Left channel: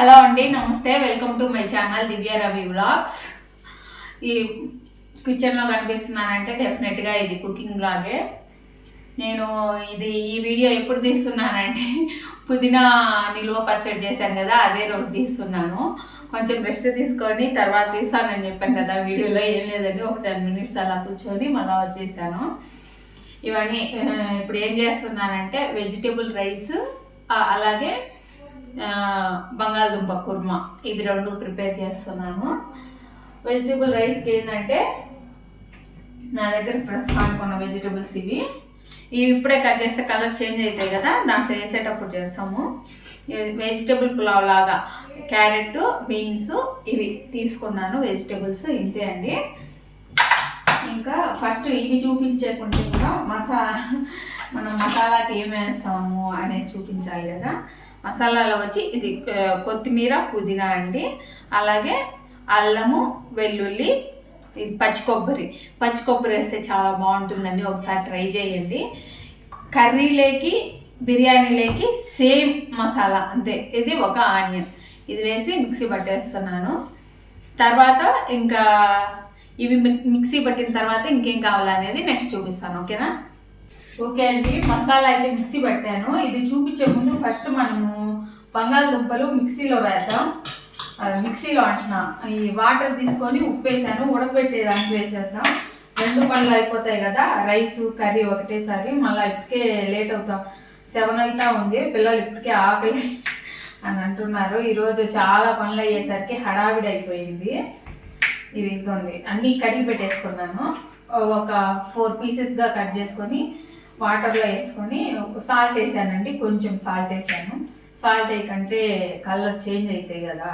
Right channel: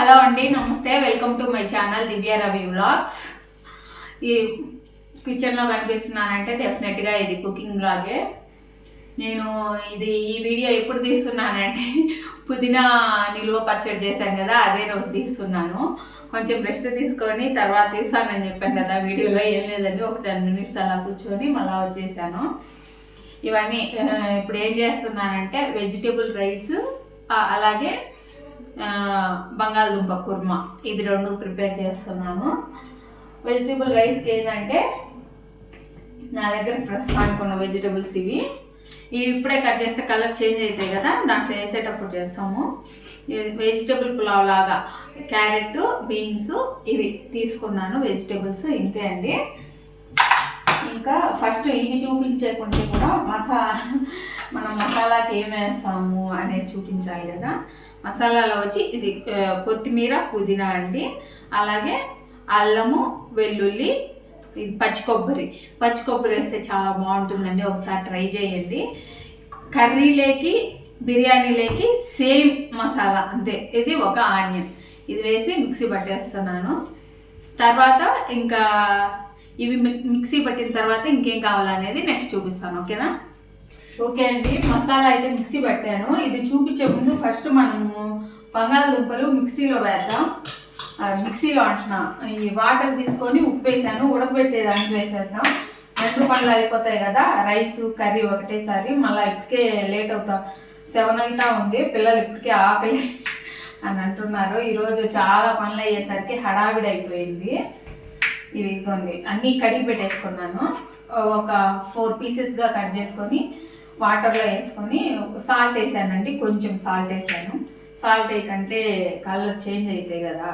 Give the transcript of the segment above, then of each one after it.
Hello అండి, నమస్తే. Welcome to my channel Divya Ravi vlogs. ఈ కిచెన్లో కనిపిస్తున్నానంటే డెఫినెట్గా ఇది కుకింగ్ వ్లాగే. నేను ఈ వీడియో ఎప్పుడు తీస్తున్నానంటే పుదీనా నిలువ పచ్చడి చేశాను కదా, అదే రోజు తీస్తున్నాను. కొంచెం రెస్ట్ తీసుకొని తర్వాత తీస్తానని చెప్పాను కదా వీడియోలో. ఏం లేదండి, ఒక 10 minutes అలా కూర్చొని మళ్ళీ వచ్చేసాను. ఇవన్నీ ఇప్పుడు ఏం చేస్తున్నానంటే వెజిటేబుల్ రైస్, అలాగే బంగాళదుంప కుర్మా, ఇది 2 ప్రిపేర్ చేస్తున్నాను. వెజిటేబుల్ రైస్కి ఏంటంటే నా దగ్గర ప్రస్తుతానికి ఉన్న వెజిటేబుల్స్ ఇవి ఇప్పుడే కట్ చేస్తే కలర్ చేంజ్ అవుతాయి కదా, దాంట్లో వేసేటప్పుడు చేస్తాము. వెజిటేబుల్ పులావ్ లాగా క్యారెట్, బీన్స్ ఇవి తీసుకున్నాను. వెజిటేబుల్స్ ఇంతే అండి. ఇంకా ఫస్ట్ ఇవి చూపించకుంటే కూడా మనం మసాలాకి ఏం వేస్తాము అనేది చూపించాలి కదా. మసాలాలో వచ్చి ఇది కొత్తిమీర, పుదీనా అండి, అలాగే అల్లము, వెల్లుల్లి, ఇది పచ్చి కొబ్బరి వేస్తే చాలా బాగుంటుందండి. ఒకసారి ట్రై చేయండి. కర్రీలేకి బిర్యానీలేకి సేమ్ మసాలా అంతే. ఇది ఒక ఆనియన్, ఇది వేసి మిక్సీ పట్టేస్తున్నాను. తర్వాత ఇంకా ఇవి మిక్సీ పట్టిన తర్వాత ఇంకేం కావాలనేది నెక్స్ట్ చూపిస్తాను. ఓకేనా? ఓకే అండి, మసాలా అయితే మిక్సీ పట్టాను. ఇది చూపించే ముందు ఫస్ట్ మనము బంగాళదుంపలు మిక్సీలో వేద్దాం. మిక్సీలో అంటున్నా, ఈ వాటర్ తీసుకొని ఉప్పు వేసాను, ఉడకబెట్టే దానికి వేసేద్దాం. 2 పనులు అయిపోతాయి కదా, రైస్ కర్రీ ఒకటేసారి. మళ్ళీ ఇప్పటికే లేట్ అవుతాం, 7 అవుతా ఉంది. పిల్లలు ఇప్పటికే ఆకలి అని అంటున్నారు. ఈరోజు చాలా పనులు అయ్యేసరికి హడావిడి అయిపోయింది. ఇవి ఇదిగోండి అన్నీ కడిగి పెట్టేసుకున్నాను. ఒక 4 పీసెస్గా కట్ చేసుకొని వాటర్లో వేసుకొని సాల్ట్ వేసానండి. కొంచెం సాల్ట్ వేసాను. సాల్ట్ వేయకంటే కలర్ చేంజ్ అవుతాయి కదా.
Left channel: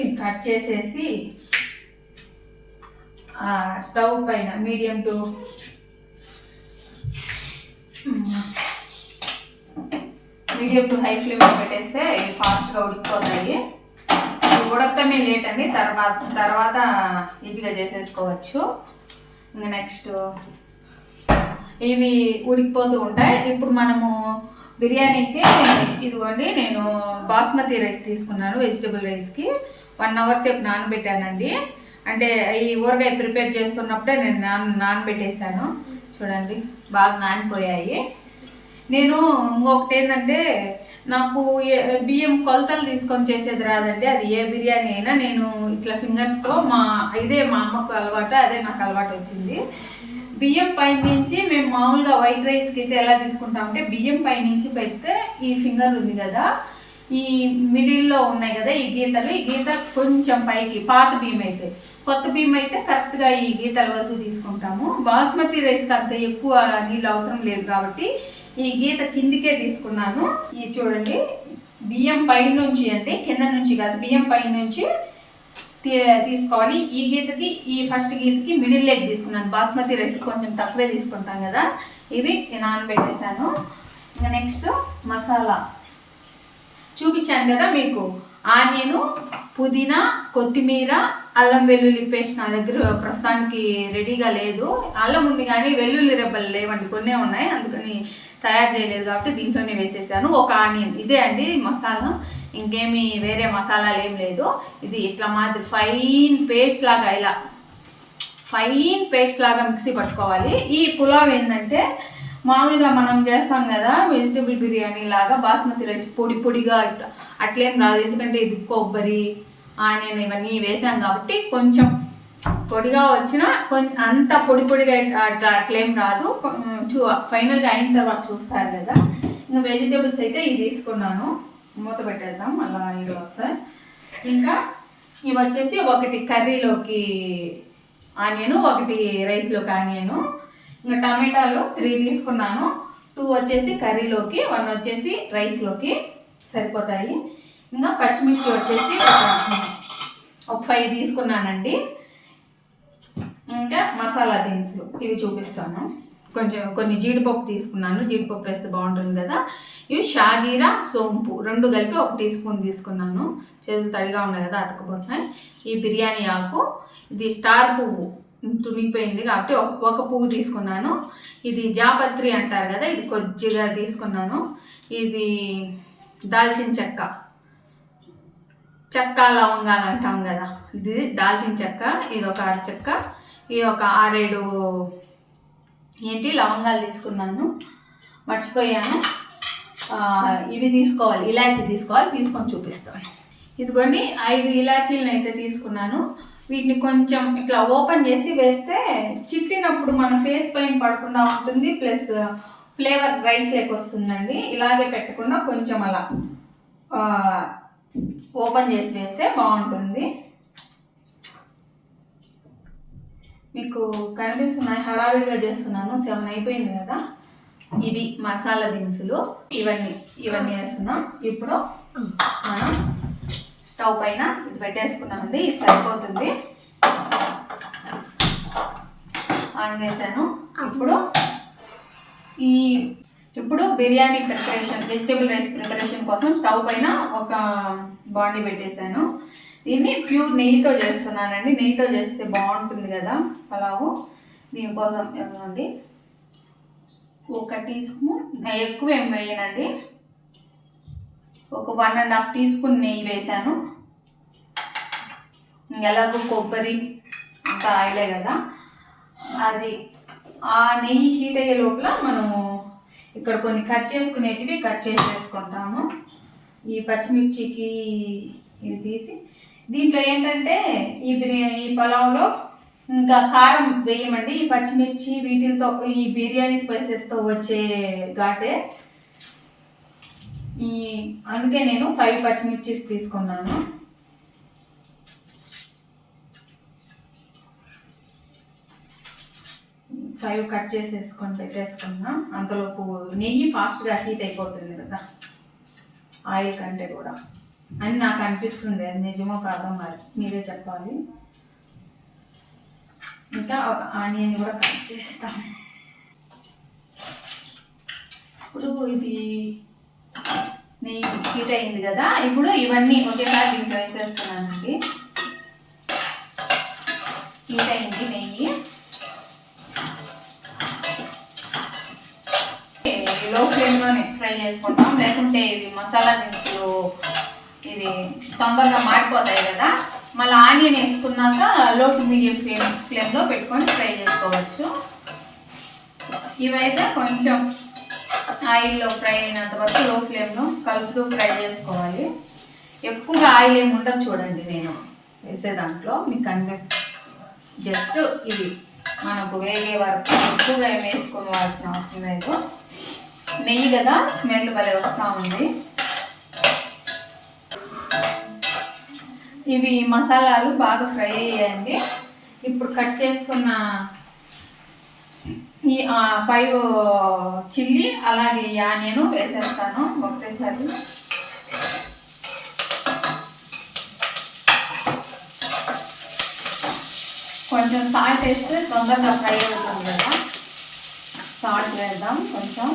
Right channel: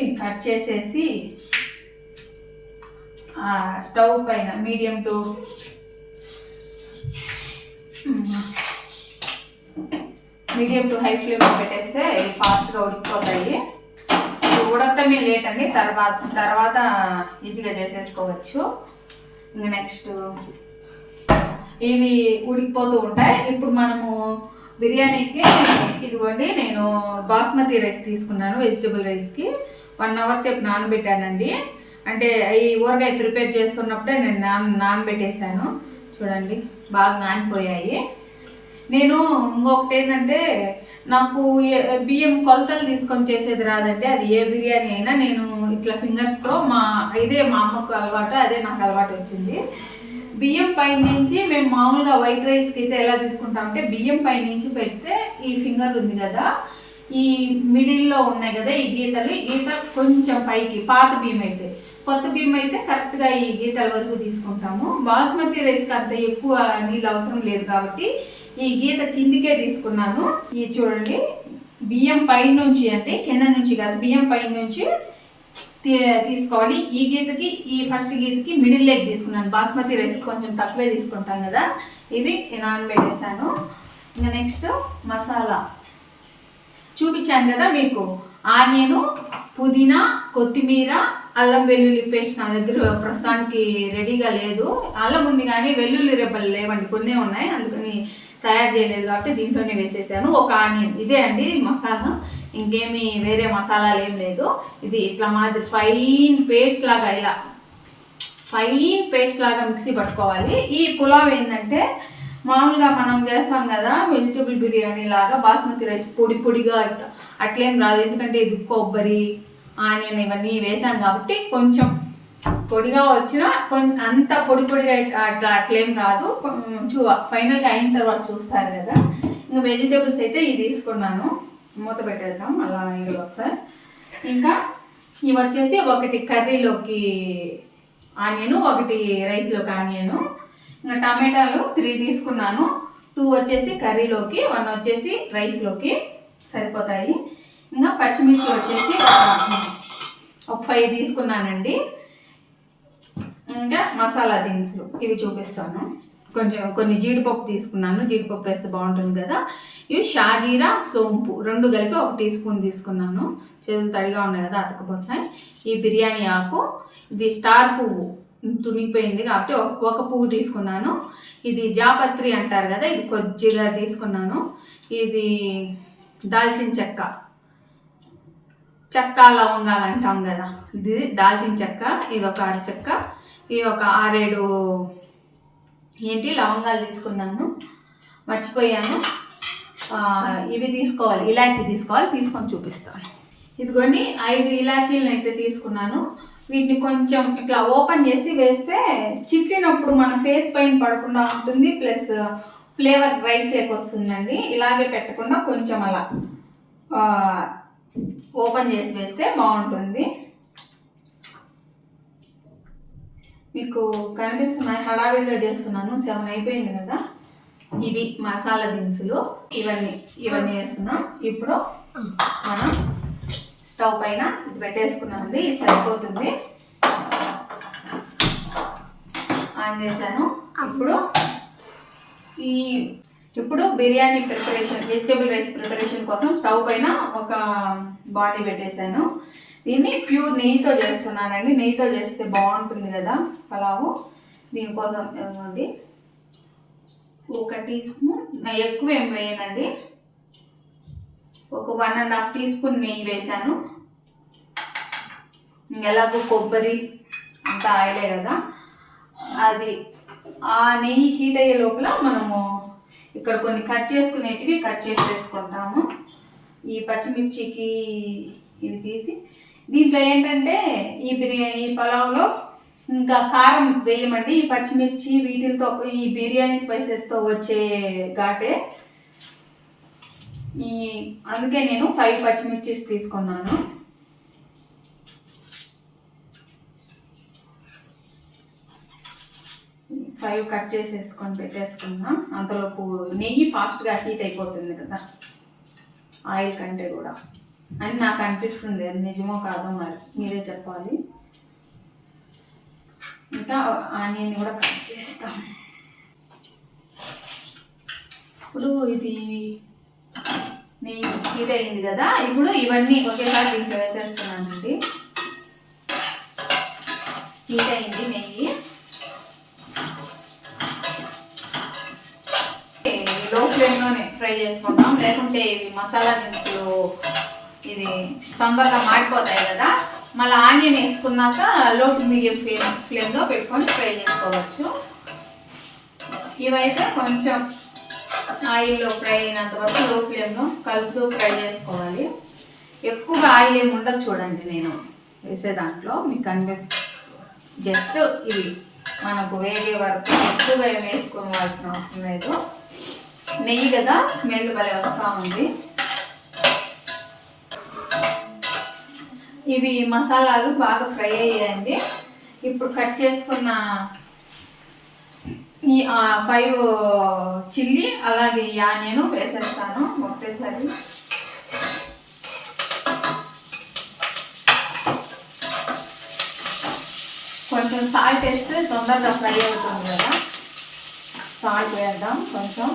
ఇది కట్ చేసేసి స్టవ్ పైన మీడియం టు హై ఫ్లేమ్లో పెట్టేస్తే ఫాస్ట్గా ఉడికిపోతాయి. ఉడకటమే లేట్ అండి, తర్వాత ఈజీగా చేసేసుకోవచ్చు. ఇంకా నెక్స్ట్ ఇవి ఉడికిపోతూ ఉంటాయి. ఇప్పుడు మనము బిర్యానీకి ఇదిగోండి, నేను బాస్మతి రైస్ తీసుకున్నాను. వెజిటేబుల్ రైస్కి 1 hour సేపు నానబెట్టానండి. అంటే ఈ ఊరగాయ ప్రిపేర్ చేస్తున్నప్పుడే నేను నానబెట్టేసాను. చూడండి బాగా నానిపోయాయి. నేను ఇంకొకటి ఏంటంటే, నాకు బియ్యం కొలతలు తీసుకొని చేసేది రాదండి. అది ఏ బిర్యానీ అయినా నేను ఇట్లా ఫింగర్స్తో మా అమ్మకు అలవాటు, అదే నాకు అలవాటు వచ్చింది. బియ్యం పై నుంచి మేము మామూలుగా వైట్ రైస్కి అయితే ఎలా తీసుకుంటామంటే, బియ్యం పై నుంచి పెడితే ఈ ఫింగర్ ఉంది కదా, ఈ మిడిల్లో ఉన్నాయి కదా ఈ గీత కొంచెం పైకి, పాత బియ్యం అయితే. కొత్త బియ్యం అయితే కరెక్ట్గా ఈ గీతల వరకు తీసుకుంటాము. బాస్మతి రైస్కి అంత ఎక్కువ నీళ్ళు అవసరం లేదు కాబట్టి ఈ గీత కిందికే తీసుకున్నాను. ఇది చూడండి, బియ్యం పై నుంచి అంటే కింద నుంచి కాదు, బియ్యం పై నుంచి తీసుకోవాలి. ఈ గీతకి, ఈ ఫస్ట్ గీతకి మిడిల్ లెగ్ తీసుకున్నాను. బాస్మతి రైస్ కొంచెం తక్కువే తీసుకుంటాం కదా. ఇవి నానబెట్టేసాను. ఇంకా నెక్స్ట్ మసాలా చూపించాను కదా మీకు. ఆనియను, పుదీనా, కొత్తిమీర, అల్లం వెల్లుల్లి పేస్ట్ నా దగ్గర ప్రస్తుతానికి రెడీగా లేదు. అల్లం ఉంది కానీ వెల్లుల్లి రెబ్బలు లేవండి, కొన్నే ఉన్నాయి, అందుకని తయారు చేయలేదు కాబట్టి దీంట్లోనే వేసేసాను. ఒక ఆనియన్, ఇదే అండి మసాలా, ఇంకేమీ వేరే మసాలాలు ఏం లేదు. ఇది ఇట్లా మాదిరి ఫైన్ పేస్ట్ లాగా మిక్సీ పట్టుకోవాలి. ఈ పులావ్ ఏంటంటే మామూలుగా మనం చేస్తాం కదా వెజిటేబుల్ బిర్యానీ లాగా, బాస్మతి రైస్ పొడిగా అట్లేం రాదు. ఎందుకంటే ఇది కొబ్బరి, ఆనియన్ ఇవన్నీ వేసాం కాబట్టి కొంచెం పొడిగా వచ్చినా అంత పొడిగా అట్లేం రాదు. ఫైనల్గా అయిన తర్వాత చూస్తారు కదా. ఇంకా వెజిటేబుల్స్ అయితే ఇవి తీసుకున్నాను. మూత పెట్టేద్దాం, అలా ఇది వస్తాయి. ఇంకా ఇవి వచ్చేసి ఒకటి కర్రీలోకి ఆనియను, ఒకటి రైస్లోకి ఆనియను. ఇంకా టమాటాలు 3 తీసుకున్నాను. 2 వచ్చేసి కర్రీలోకి, 1 వచ్చేసి రైస్లోకి సరిపోతాయి. ఇంకా పచ్చిమిర్చి వచ్చేసి ఒక 5 తీసుకున్నానండి. ఇంకా మసాలా దినుసులు ఇవి చూపిస్తాను. కొన్ని జీడిపప్పు తీసుకున్నాను, జీడిపప్పు వేస్తే బాగుంటుంది కదా. ఇవి షాజీరా, సోంపు 2 కలిపి 1 teaspoon తీసుకున్నాను. చేతులు తడిగా ఉన్నాయి కదా, అతుకుపోతున్నాయి. ఈ బిర్యానీ ఆకు, ఇది స్టార్ పువ్వు తునిగిపోయింది కాబట్టి ఒక పువ్వు తీసుకున్నాను. ఇది జాపత్రి అంటారు కదా, ఇది కొద్దిగా తీసుకున్నాను. ఇది దాల్చిన చెక్క లవంగాలు అంటాం కదా, ఇది దాల్చిన చెక్క. ఇది ఒక అరచెక్క, ఇది ఒక 6-7 లవంగాలు తీసుకున్నాను. మర్చిపోయాను, ఇవి తీసుకోవాలి, ఇలాచీ తీసుకోవాలి, తీసుకొని చూపిస్తాను. ఇదిగోండి 5 ఇలాచీలను అయితే తీసుకున్నాను. వీటిని కొంచెం ఇట్లా ఓపెన్ చేసి వేస్తే చిట్లినప్పుడు మన ఫేస్ పైన పడకుండా ఉంటుంది, ప్లస్ ఫ్లేవర్ రైస్ లేక వస్తుందండి. ఇలాగే పెట్టకుండా కొంచెం అలా ఓపెన్ చేసి వేస్తే బాగుంటుంది. మీకు కనిపిస్తున్నాయి, హడావిడిగా చేస్తున్నాను, 7 అయిపోయింది కదా. ఇవి మసాలా దినుసులు, ఇవన్నీ వేస్తున్నాం. ఇప్పుడు మనం స్టవ్ పైన ఇది పెట్టేసుకున్నామండి, ఇది సరిపోతుంది. ఆన్ చేశాను. ఇప్పుడు biryani preparation, vegetable rice preparation కోసం స్టవ్ పైన ఒక బాండీ పెట్టేశాను. దీన్ని ప్యూర్ నెయ్యితో చేస్తున్నానండి. నెయ్యితో చేస్తే బాగుంటుంది కదా పలావు. దీనికోసం ఇవ్వండి 1 టీ స్పూన్, ఎక్కువ ఏం వేయనండి, ఒక 1.5 టీ స్పూన్ నెయ్యి వేసాను. ఎలాగో కొబ్బరి అంత ఆయిలే కదా, అది ఆ నెయ్యి హీట్ అయ్యే లోపల మనము ఇక్కడ కొన్ని కట్ చేసుకునేటివి కట్ చేసేసుకుంటాము. ఈ పచ్చిమిర్చికి ఇవి తీసి, దీంట్లో ఏంటంటే ఈ పలావ్లో ఇంకా కారం వేయమండి. ఈ పచ్చిమిర్చి వీటితో, ఈ బిర్యానీ స్పైసెస్తో వచ్చే ఘాటే, అందుకే నేను 5 పచ్చిమిర్చీస్ తీసుకున్నాను. ఫైవ్ కట్ చేసేసుకొని పెట్టేసుకున్నా. అంతలోపు నెయ్యి ఫాస్ట్గా హీట్ అయిపోతుంది కదా ఆయిల్ కంటే కూడా అని నాకు అనిపిస్తుంది. అది నిజమో కాదో మరి మీరే చెప్పాలి. ఇంకా ఆనియన్ కూడా కట్ చేస్తాం. ఇప్పుడు ఇది నెయ్యి హీట్ అయింది కదా, ఇప్పుడు ఇవన్నీ ఒకేసారి దీంట్లో వేసేస్తున్నానండి. హీట్ అయింది నెయ్యి, లో ఫ్లేమ్లోనే ఫ్రై చేసుకుంటాం, లేకుంటే ఇవి మసాలా దినుసులు ఇది తొందరగా మాడిపోతాయి కదా. మళ్ళీ ఆనియన్ వేసుకున్నాక లో టు మీడియం ఫ్లేమ్లో పెట్టుకొని ఫ్రై చేసుకోవచ్చు. ఇవైతే కొంచెం ఆయిల్లో ఫ్రై అయినంత వరకు లో ఫ్లేమ్లో కలుపుతూ ఫ్రై చేసుకోవాలి. ఎక్కువగా ఆయిల్ ఏమి ఉండదు చూడండి, నేను వేసే దాంట్లో మీకు జస్ట్ ఇవి మనకు వేగే వరకు ఎక్కువగా ఏమి వేసుకోవాల్సిన అవసరం లేదు. నెయ్యి కదా, స్మెల్ భలే వస్తూ ఉంది. ఇవి మసాలాలు బాగా ఫ్రై అయ్యాయండి. ఇప్పుడు కట్ చేసుకున్న ఈ 5 చిల్లీ అలాగే ఈ ఆనియన్ వేసేస్తాను ఒకటేసారి. కొంచెం సాల్ట్ వేస్తే తొందరగా ఫ్రై అవుతుంది కదా, సాల్ట్ వేద్దాం కొంచెం.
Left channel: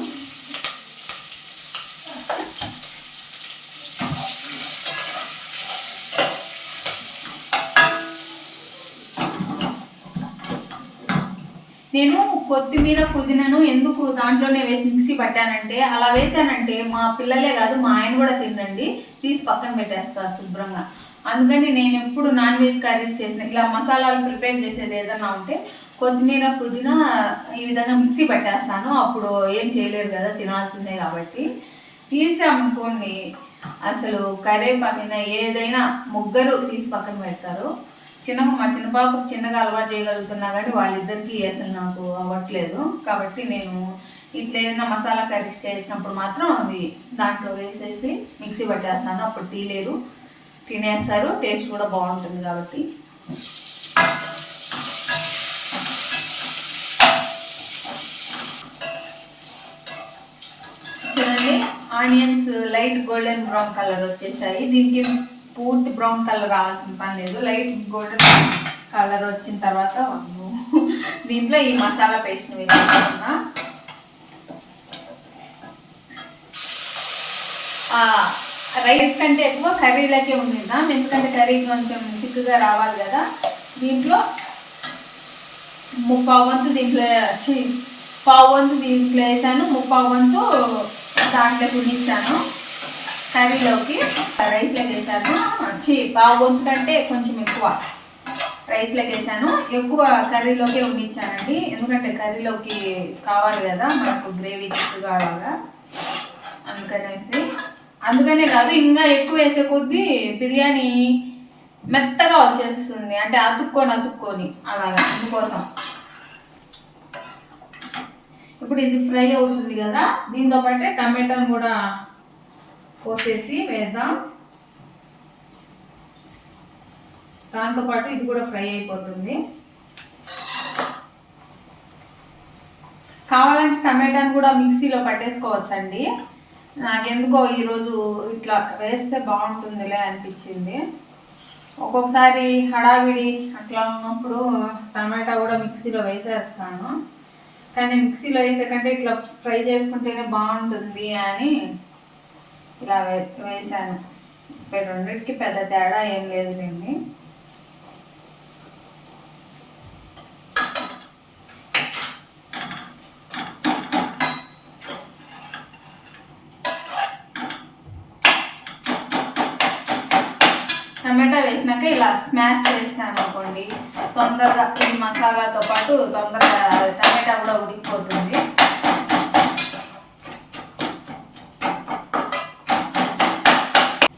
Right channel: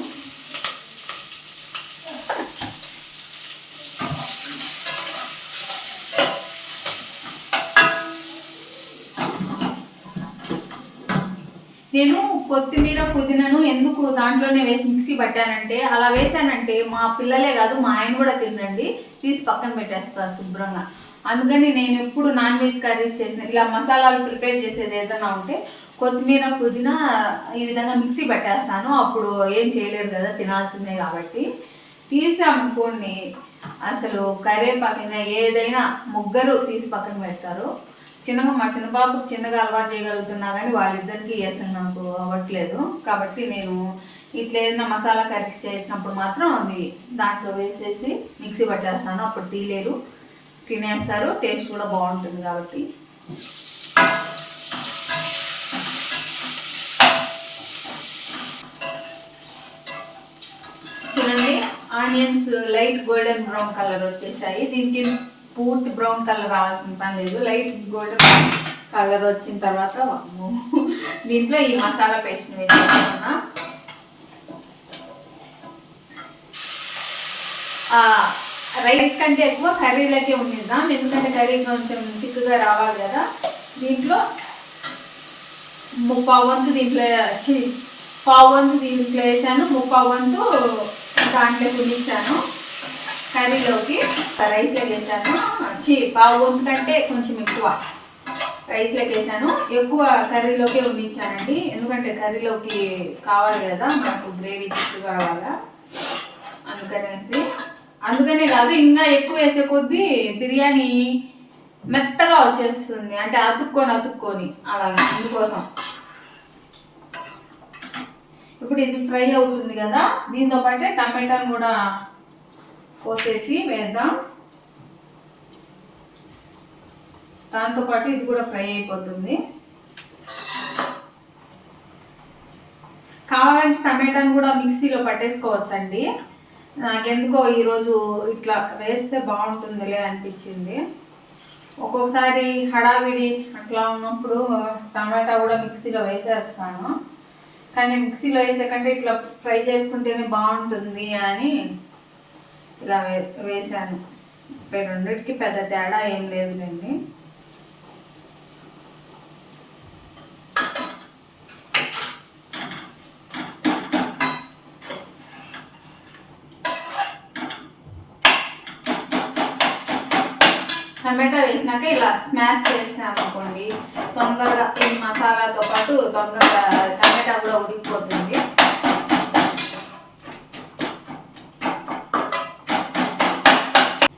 నేను కొత్తిమీర పుదీనాను ఎందుకు దాంట్లోనే వేసి మిక్సీ పట్టానంటే, అలా వేసానంటే మా పిల్లలే కాదు మా ఆయన కూడా తినండి, తీసి పక్కన పెట్టేస్తారు శుభ్రంగా. అందుకని నేను ఎప్పుడు నాన్ వెజ్ కర్రీస్ చేసిన ఇలా మసాలాలు ప్రిపేర్ చేసేది ఏదన్నా ఉంటే కొత్తిమీర పుదీనా ఈ విధంగా మిక్సీ పట్టేస్తాను. అప్పుడు ఏం చేయలేరు కదా, తినాల్సిందే కాబట్టి. తీసామనుకోండి అసలు కరివేపాకైనా ఏదైనా ముగ్గురు తీసి పక్కన పెడతారు. మా చిన్న పాపకు చిన్నగా అలవాటు చేయగలుగుతున్నా కానీ వాళ్ళిద్దరికీ అసలు నాకు అవ్వట్లేదు. కాబట్టి నేను ఇట్లా ఏదైనా మసాలా కర్రీస్ చేసినప్పుడు మాత్రం అవి దాంట్లో వేసేసి మిక్సీ పట్టేస్తాను. అప్పుడు తీలేరు, తినేస్తారు, టేస్ట్ కూడా బాగుంటుంది. కాబట్టి చూడండి, onions light golden brown colour వచ్చేసాయి. దీనికి పూర్తి బ్రౌన్ కలర్ రావాల్సిన పని లేదు, లైట్ గోల్డెన్ కలర్ వచ్చిన తర్వాత దీంట్లో ఈ మసాలా పేస్ట్ని వేసుకుంటున్నా. రైస్ కంటే ఎక్కువ కర్రీలకే ఉండిద్దాం, ఎందుకంటే కర్రీ కొంచెం థిక్గా రావాలి కదా. దీంట్లో ముప్పావు వంతు దీంట్లో పావు వంతు దీంట్లో వేసాను, ముప్పావు వంతు దాంట్లో తినిచ్చాను కర్రీలోకి. రైస్లోకి వేసాను, పావు వంతు కంటే కొంచెం ఎక్కువ రైస్లోకి వేసాను, ఎక్కువ కర్రీలోకి ఉండించానండి. ఎందుకంటే కర్రీలోకి కావాలి కదా మనకు గ్రేవీ తిక్కుగా అలాగా, అందుకనే కాదు ఇంకా ఎక్కువ వేసే కొద్దీ బిర్యానీ మెత్తగా వచ్చేస్తుంది, అంటే అతుక్కొని అలాగా. అందుకోసం ఇప్పుడు ఇది ఫ్రై అవుతుంది కదా, దీంతో పాటే టమాటాను కూడా పోసేసి వేద్దాం. దాంతోపాటు ఇది కూడా ఫ్రై అయిపోతుంది. కావాలంటే టమాటాను కూడా మిక్సీలో పట్టేసుకోవచ్చండి. నాకెందుకో ఈరోజు ఇట్లా వేస్తే బాగుంటుందిలే అనిపించింది. ఒక్కొక్కసారి హడావిడి అట్లా ఉన్నప్పుడు టమాటా కూడా మిక్సీలో వేసేస్తాను, కానీ మిక్సీలో వేసే కంటే ఇట్లా ఫ్రై చేసుకుంటేనే బాగుంటుంది అని ఇలా వేసాను. రెండింటికి పెద్ద తేడా ఏం లేదులేండి. టమాటా వేసినాక ఇలా స్మాష్ చేసామనుకోండి తొందరగా ఈ మసాలాతో పాటు తొందరగా టమాటా కూడా ఉడికిపోతుంది.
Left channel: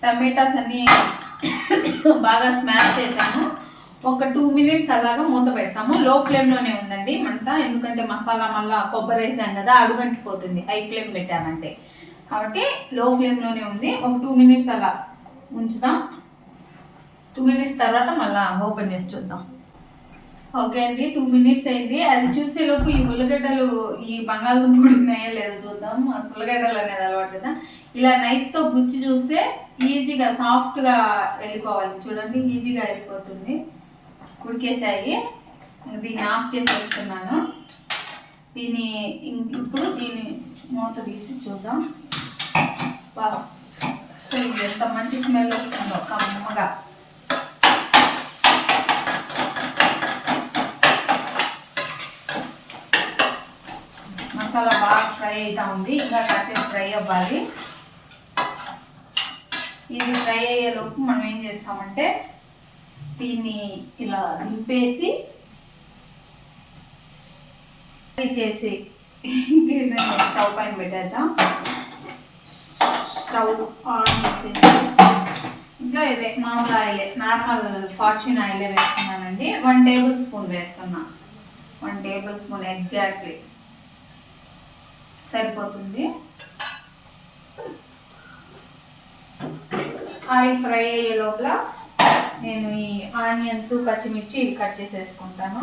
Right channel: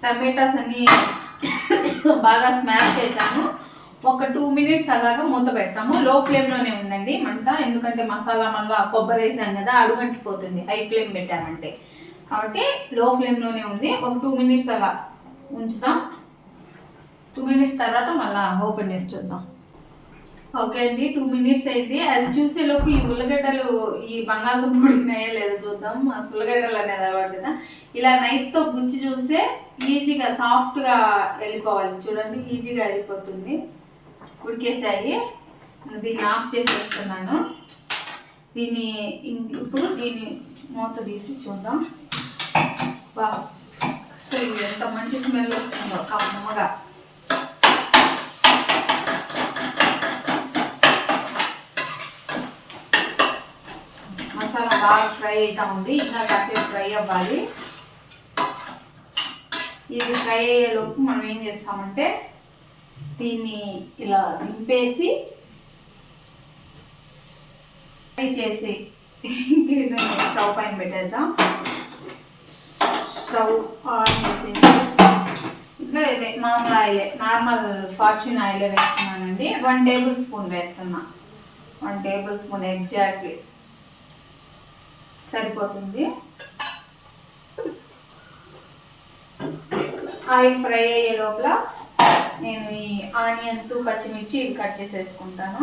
టమాటాస్ అన్ని బాగా స్మాష్ చేసాము. ఒక 2 minutes అలాగా మూత పెడతాము. లో ఫ్లేమ్లోనే ఉందండి మంట, ఎందుకంటే మసాలా మళ్ళీ కొబ్బరి వేసాం కదా అడుగంటిపోతుంది హై ఫ్లేమ్ పెట్టామంటే. కాబట్టి లో ఫ్లేమ్లోనే ఉంది. ఒక 2 minutes అలా ఉంచుతాం. 2 minutes తర్వాత మళ్ళీ ఓపెన్ చేసి చూద్దాం. ఓకే అండి, 2 minutes అయింది. అది చూసేలోపు ఈ ఉల్లగడ్డలు ఈ బంగాళదుంప ఉడికినాయో లేదో చూద్దాం. ఉల్లగడ్డలు అనేది అలవాటు కదా, ఇలా నైఫ్తో గుచ్చి చూస్తే ఈజీగా సాఫ్ట్గా వెళ్ళిపోవాలి. చూడండి ఈజీగా వెళ్ళిపోతుంది. ఉడికేసాయి. దీన్ని ఆఫ్ చేసేస్తున్నాను. ఇప్పుడు దీన్ని మూత తీసి చూద్దాం. వా, అసలు ఎంత మంచి స్మెల్ వస్తుందో కమ్మగా. మసాలా బాగా ఫ్రై అవుతా ఉంది, ఇంకా కాసేపు ఫ్రై అవ్వాలి. ఇది ఫ్రై అయ్యేలోపు మనం ఏం చేస్తామంటే దీన్ని ఇలా దింపేసి ఫ్రై చేసి స్టవ్ పైన పెట్టేద్దాం. స్టవ్ ఆన్ చేసేసి ఇంకా ఇదే మామూలు ఆయిలే, నార్మల్ ఫార్చ్యూన్ ఆయిలే వేస్తున్నానండి. 1 tablespoon వేస్తున్నా. 1 tablespoon ఎగ్జాక్ట్లీ సరిపోతుంది. ఆయిల్ ఫ్రై అయ్యే లోపల నేను ఈ ఆనియన్స్ పచ్చిమిర్చి ఇవి కట్ చేసేసుకుంటాను.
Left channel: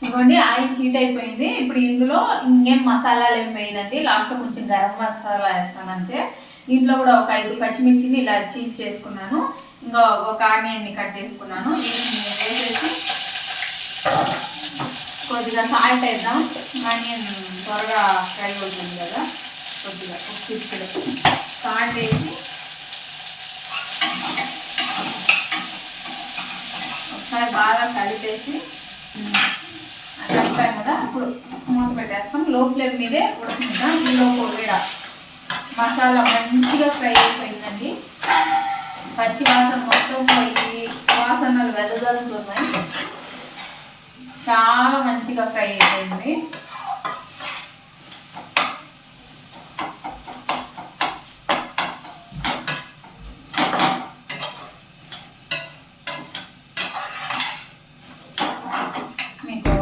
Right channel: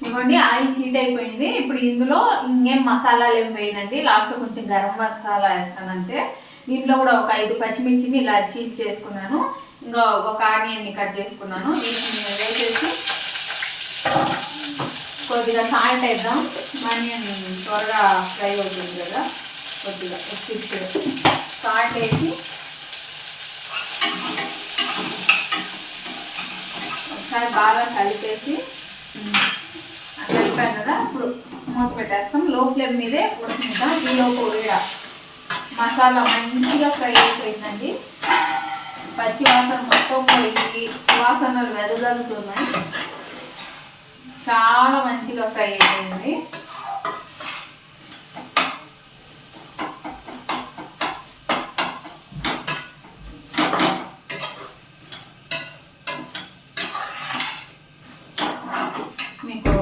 ఇదిగోండి ఆయిల్ హీట్ అయిపోయింది. ఇప్పుడు ఇందులో ఇంకేం మసాలాలు ఏం వేయనండి, లాస్ట్లో కొంచెం గరం మసాలా వేస్తాను అంతే. దీంట్లో కూడా ఒక 5 పచ్చిమిర్చిని ఇలా చీల్ చేసుకున్నాను, ఇంకా ఒక ఆనియన్ని కట్ చేసుకున్నాను. వీటిని వేసేసి కొద్దిగా సాల్ట్ వేద్దాం. ఆనియన్ త్వరగా ఫ్రై అవుతుంది కదా, కొద్దిగా సాల్ట్ వేసి ఒకసారి బాగా కలిపేసి కలిపాను కదా, ఇప్పుడు మూత పెట్టేస్తాం. లో ఫ్లేమ్ మీదే ఉడుకుంటాం. ఈలోపు కూడా మసాలా మంచిగా ఫ్రై అయిపోయిందండి. పచ్చి వాసన మొత్తం పోయి సువాసనలు వెదజల్లుతున్నాయి. చాలా మంచిగా ఫ్రై అయిపోయింది. మీకు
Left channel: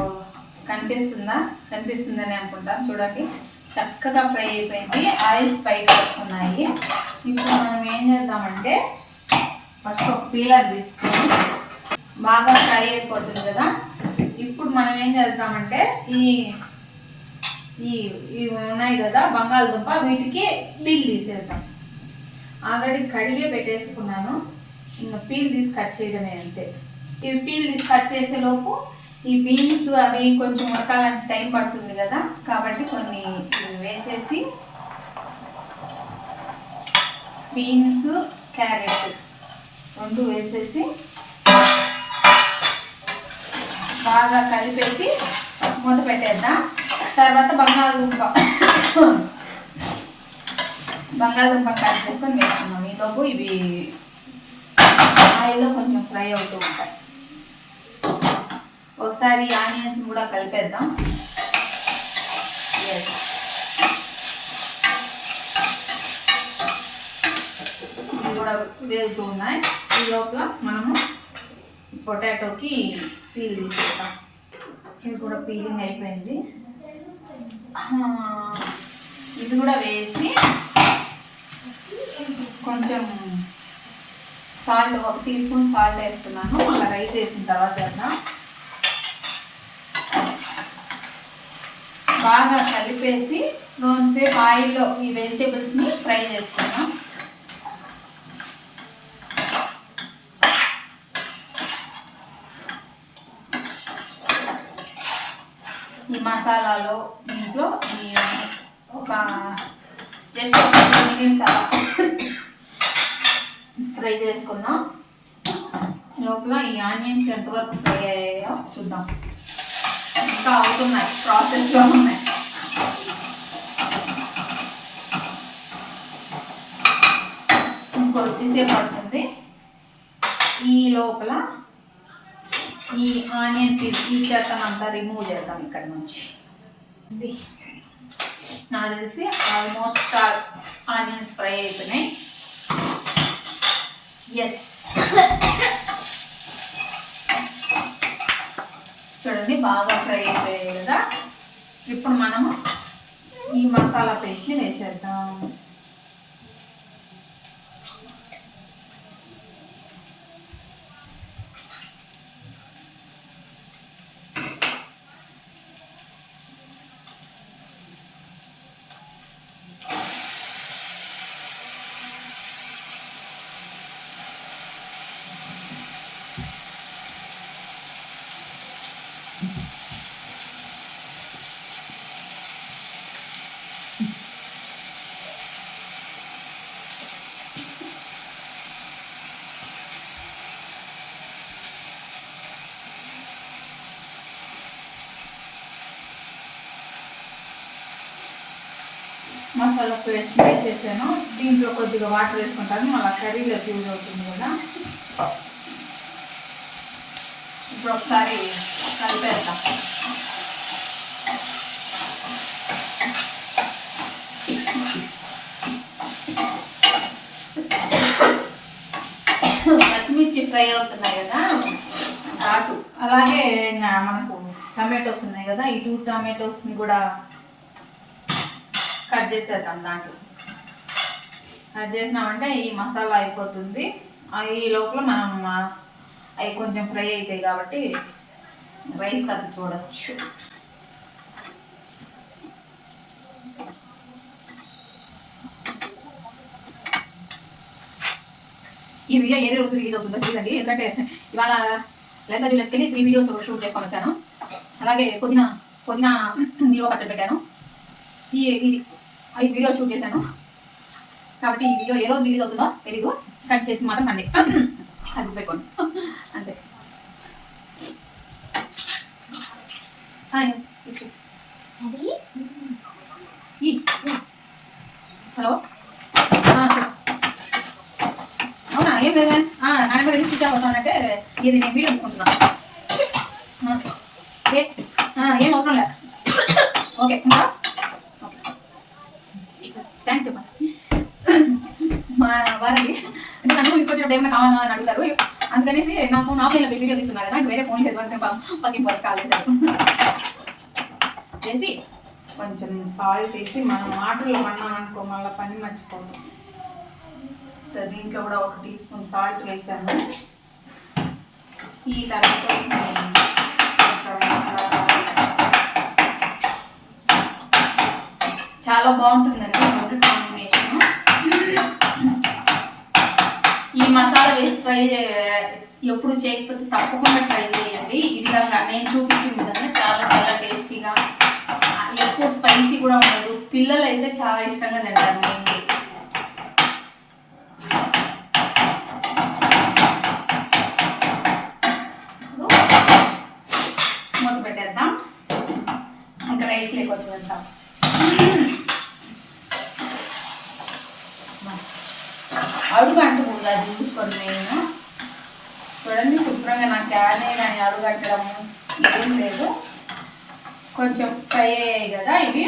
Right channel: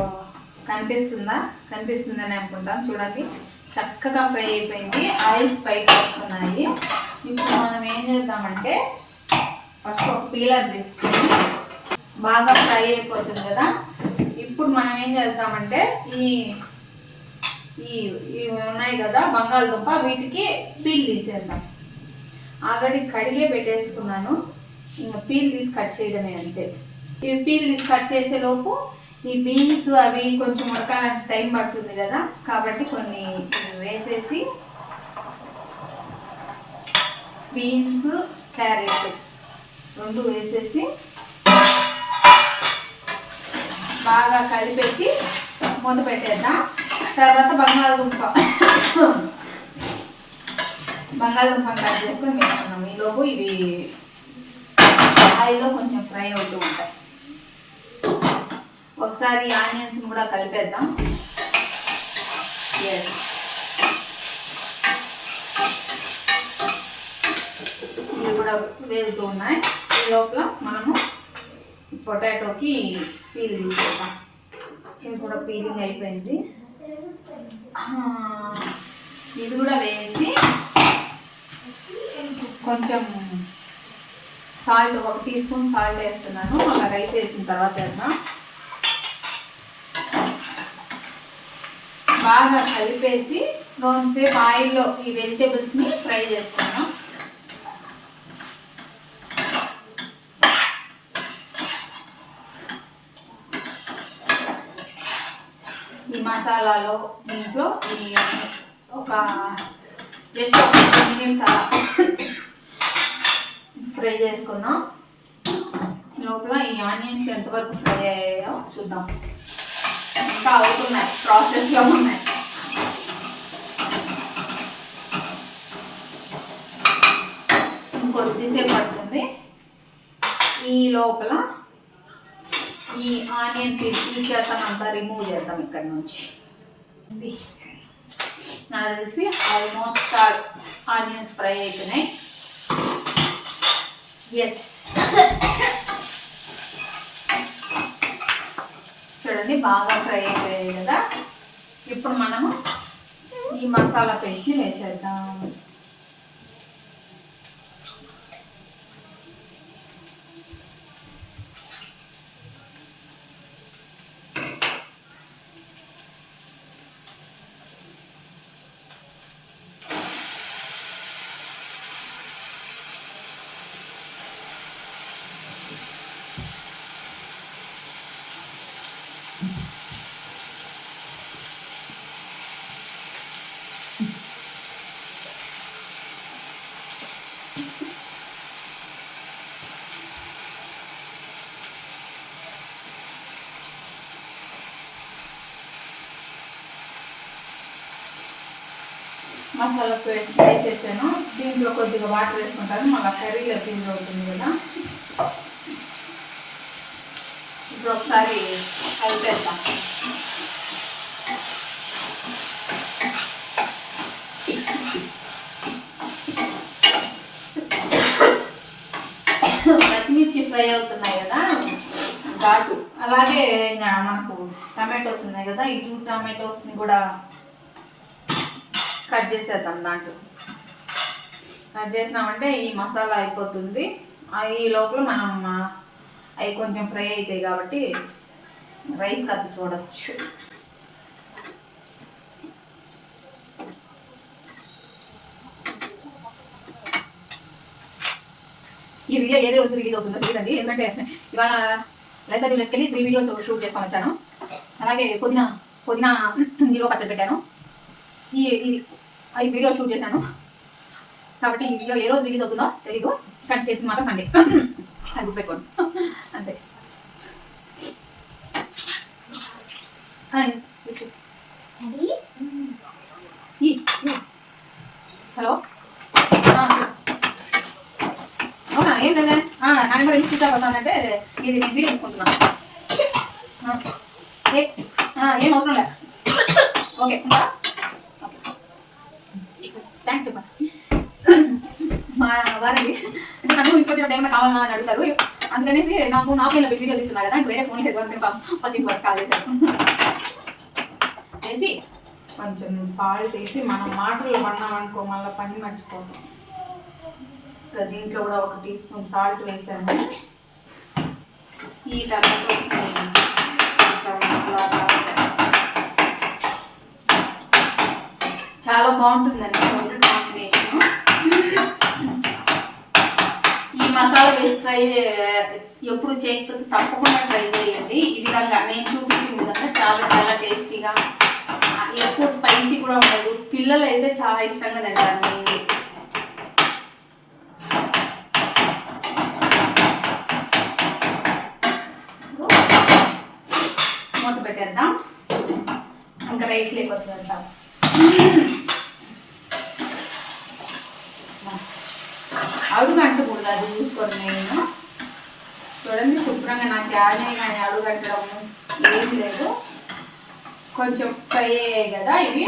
కనిపిస్తుందని అనుకుంటాను. చూడండి చక్కగా ఫ్రై అయిపోయింది, ఆయిల్స్ పైకి వస్తున్నాయి. ఇప్పుడు మనం ఏం చేద్దామంటే ఫస్ట్ ఒక పీలర్ తీసుకొని బాగా ఫ్రై అయిపోతుంది కదా, ఇప్పుడు మనం ఏం చేద్దామంటే ఇవి ఉన్నాయి కదా బంగాళదుంప, వీటికి పీల్ తీసేద్దాం. ఆల్రెడీ కడిగే పెట్టేసుకున్నాను, ఇంకా పీల్ తీసి కట్ చేయడమే అంతే. ఇవి పీల్ తీసి కట్ చేసేలోపు ఈ బీన్స్ అవి కొంచెం ఉడకాలంటే టైం పడుతుంది కదా, కాబట్టి కొన్ని వేసేసి బీన్స్ క్యారెట్ 2 వేసేసి బాగా కలిపేసి మూత పెట్టేద్దాం. తర్వాత బంగాళదుంప కట్ చేసుకొని వేసుకున్నాం. ఈలోపు ఇవి ఆయిల్లో కొంచెం ఫ్రై అవుతూ ఉంటాయి. ఒకసారి ఆనియన్స్ కూడా కలిపేద్దాం. ఇవి కూడా వేగుతూ ఉన్నాయి. ఈ లోపల మనము పొటాటోకి పీల్ తీసేద్దాం. ఇది కూడా పీలింగ్ అయిపోయింది. ఇది కూడా వేసి కొంచెం సాల్ట్, 1 టీ స్పూన్ సాల్ట్ వేస్తున్నాను. మళ్ళీ రైస్ వేసిన తర్వాత వేద్దాం. బాగా కలిపేసి కొంతసేపు ఆయిల్లో ఈ వెజిటేబుల్స్ని ఫ్రై చేస్తున్నాం. ఈ మసాలాలో దీంట్లో ఒక జస్ట్ 1 మినిట్స్ అలా ఫ్రై చేసుకుందాం. లోపల ఈ ఆనియన్స్ ఎంతవరకు ఫ్రై అయ్యాయో చూద్దాం. ఇంకా అవుతున్నాయి, ప్రాసెస్లో ఉన్నాయి. ఇంకొద్దిసేపు పడుతుంది. ఈ లోపల ఈ ఆనియన్ పీల్ ఈ చెత్తనంతా రిమూవ్ చేద్దాం ఇక్కడ నుంచి. నాకు తెలిసి ఆల్మోస్ట్ ఆనియన్స్ ఫ్రై అవుతున్నాయి. ఎస్, చూడండి బాగా ఫ్రై అయిపోయాయి కదా. ఇప్పుడు మనము ఈ మసాలా పేస్ట్ని వేసేద్దాం. మసాలా పేస్ట్ వేసేసాను. దీంట్లో కొద్దిగా వాటర్ వేసుకుంటాను, మళ్ళీ కర్రీలో యూజ్ అవుతుంది కదా. ఇప్పుడు ఒకసారి కలిపేద్దాం. పచ్చిమిర్చి ఫ్రై అవుతున్నాయి కదా ఘాటు. అలాగే మనకు టమాటోస్ ఉన్నాయి కదా, ఈ 2 టమాటోస్ని కూడా కట్ చేసేద్దాం. దాంట్లో కట్ చేసినామంటే ఈ మసాలా అయిపోతుంది. ఈ లోపల మనం అవి కొంచెం ఫ్రై అవుతాయి కాబట్టి రైస్ కత్తి చూడవచ్చు. ఈ వీడియో ఏది రోజు రిలీజ్ అవుతుందో తెలియదండి, ఎందుకంటే ఇవాళ లెంటర్ జ్యూలెస్కి వెళ్ళి 3 వీడియోస్ షూట్ చేసుకొని వచ్చాను. అలాగే పుదీనా నిలువ పచ్చడి పెట్టాను. ఈ 5 వీడియోస్ షూట్ చేశాను కాబట్టి ఈ వీడియో ఏ రోజు రిలీజ్ అవుతుందో తెలీదు, కానీ చేసి మాత్రం సండే అది పెట్టుకోండి అంతే. హలో, అవునా? ఏం లేదా? నాన్న ఎందుకు స్విచ్ ఆఫ్ అవుతానంటే ఇది నేను వీడియో తీసుకుంటున్నాను. ఏం అవసరం లే. ఓకే, ఇంకా థ్యాంక్స్ చెప్పా. మా వారికి నన్ను ఇంకొచ్చిన ఏమైనా కావాలా అని అడుగుతారు, అందుకనేసి నాకు నా ఫోన్లో వీడియో తీస్తున్నారు కదా, వేరే ఫోన్ లేదు అంటే పక్కింటి వరకు కాల్ చేశారు. చేసి కొంచెం సాల్ట్ వేసి మనం వాటర్లో పన్నామనుకో మళ్ళీ పని మర్చిపోతాం. దీంట్లో కూడా 1 టీ స్పూన్ సాల్ట్ వేసాను. ఈ తర్వాత చాలా బాగుంటుందండి కాంబినేషన్. ఈ మసాలా వేసి ఫ్రై ఎప్పుడు చేయకపోతే తప్పకుండా ట్రై చేయండి. ఈ విధంగా నేను చూపించిన విధంగా చాలా చాలా టేస్టీగా, ఎక్కువ స్పైసీ కూడా ఉండదు. పిల్లలు అయితే చాలా ఇష్టంగా తింటారు. మూత పెట్టేద్దాం. ఇంకా రైస్ లేకొచ్చు వెళ్తాం. అడుగు అంటకూడదు, అది చూసుకొని నేను చూడండి శుభ్రంగా నాకు యానే కానీ అడుగు అంటడము ఏం లేదు. కొంచెం ఫ్రై అయ్యాయి కదా ఇవి,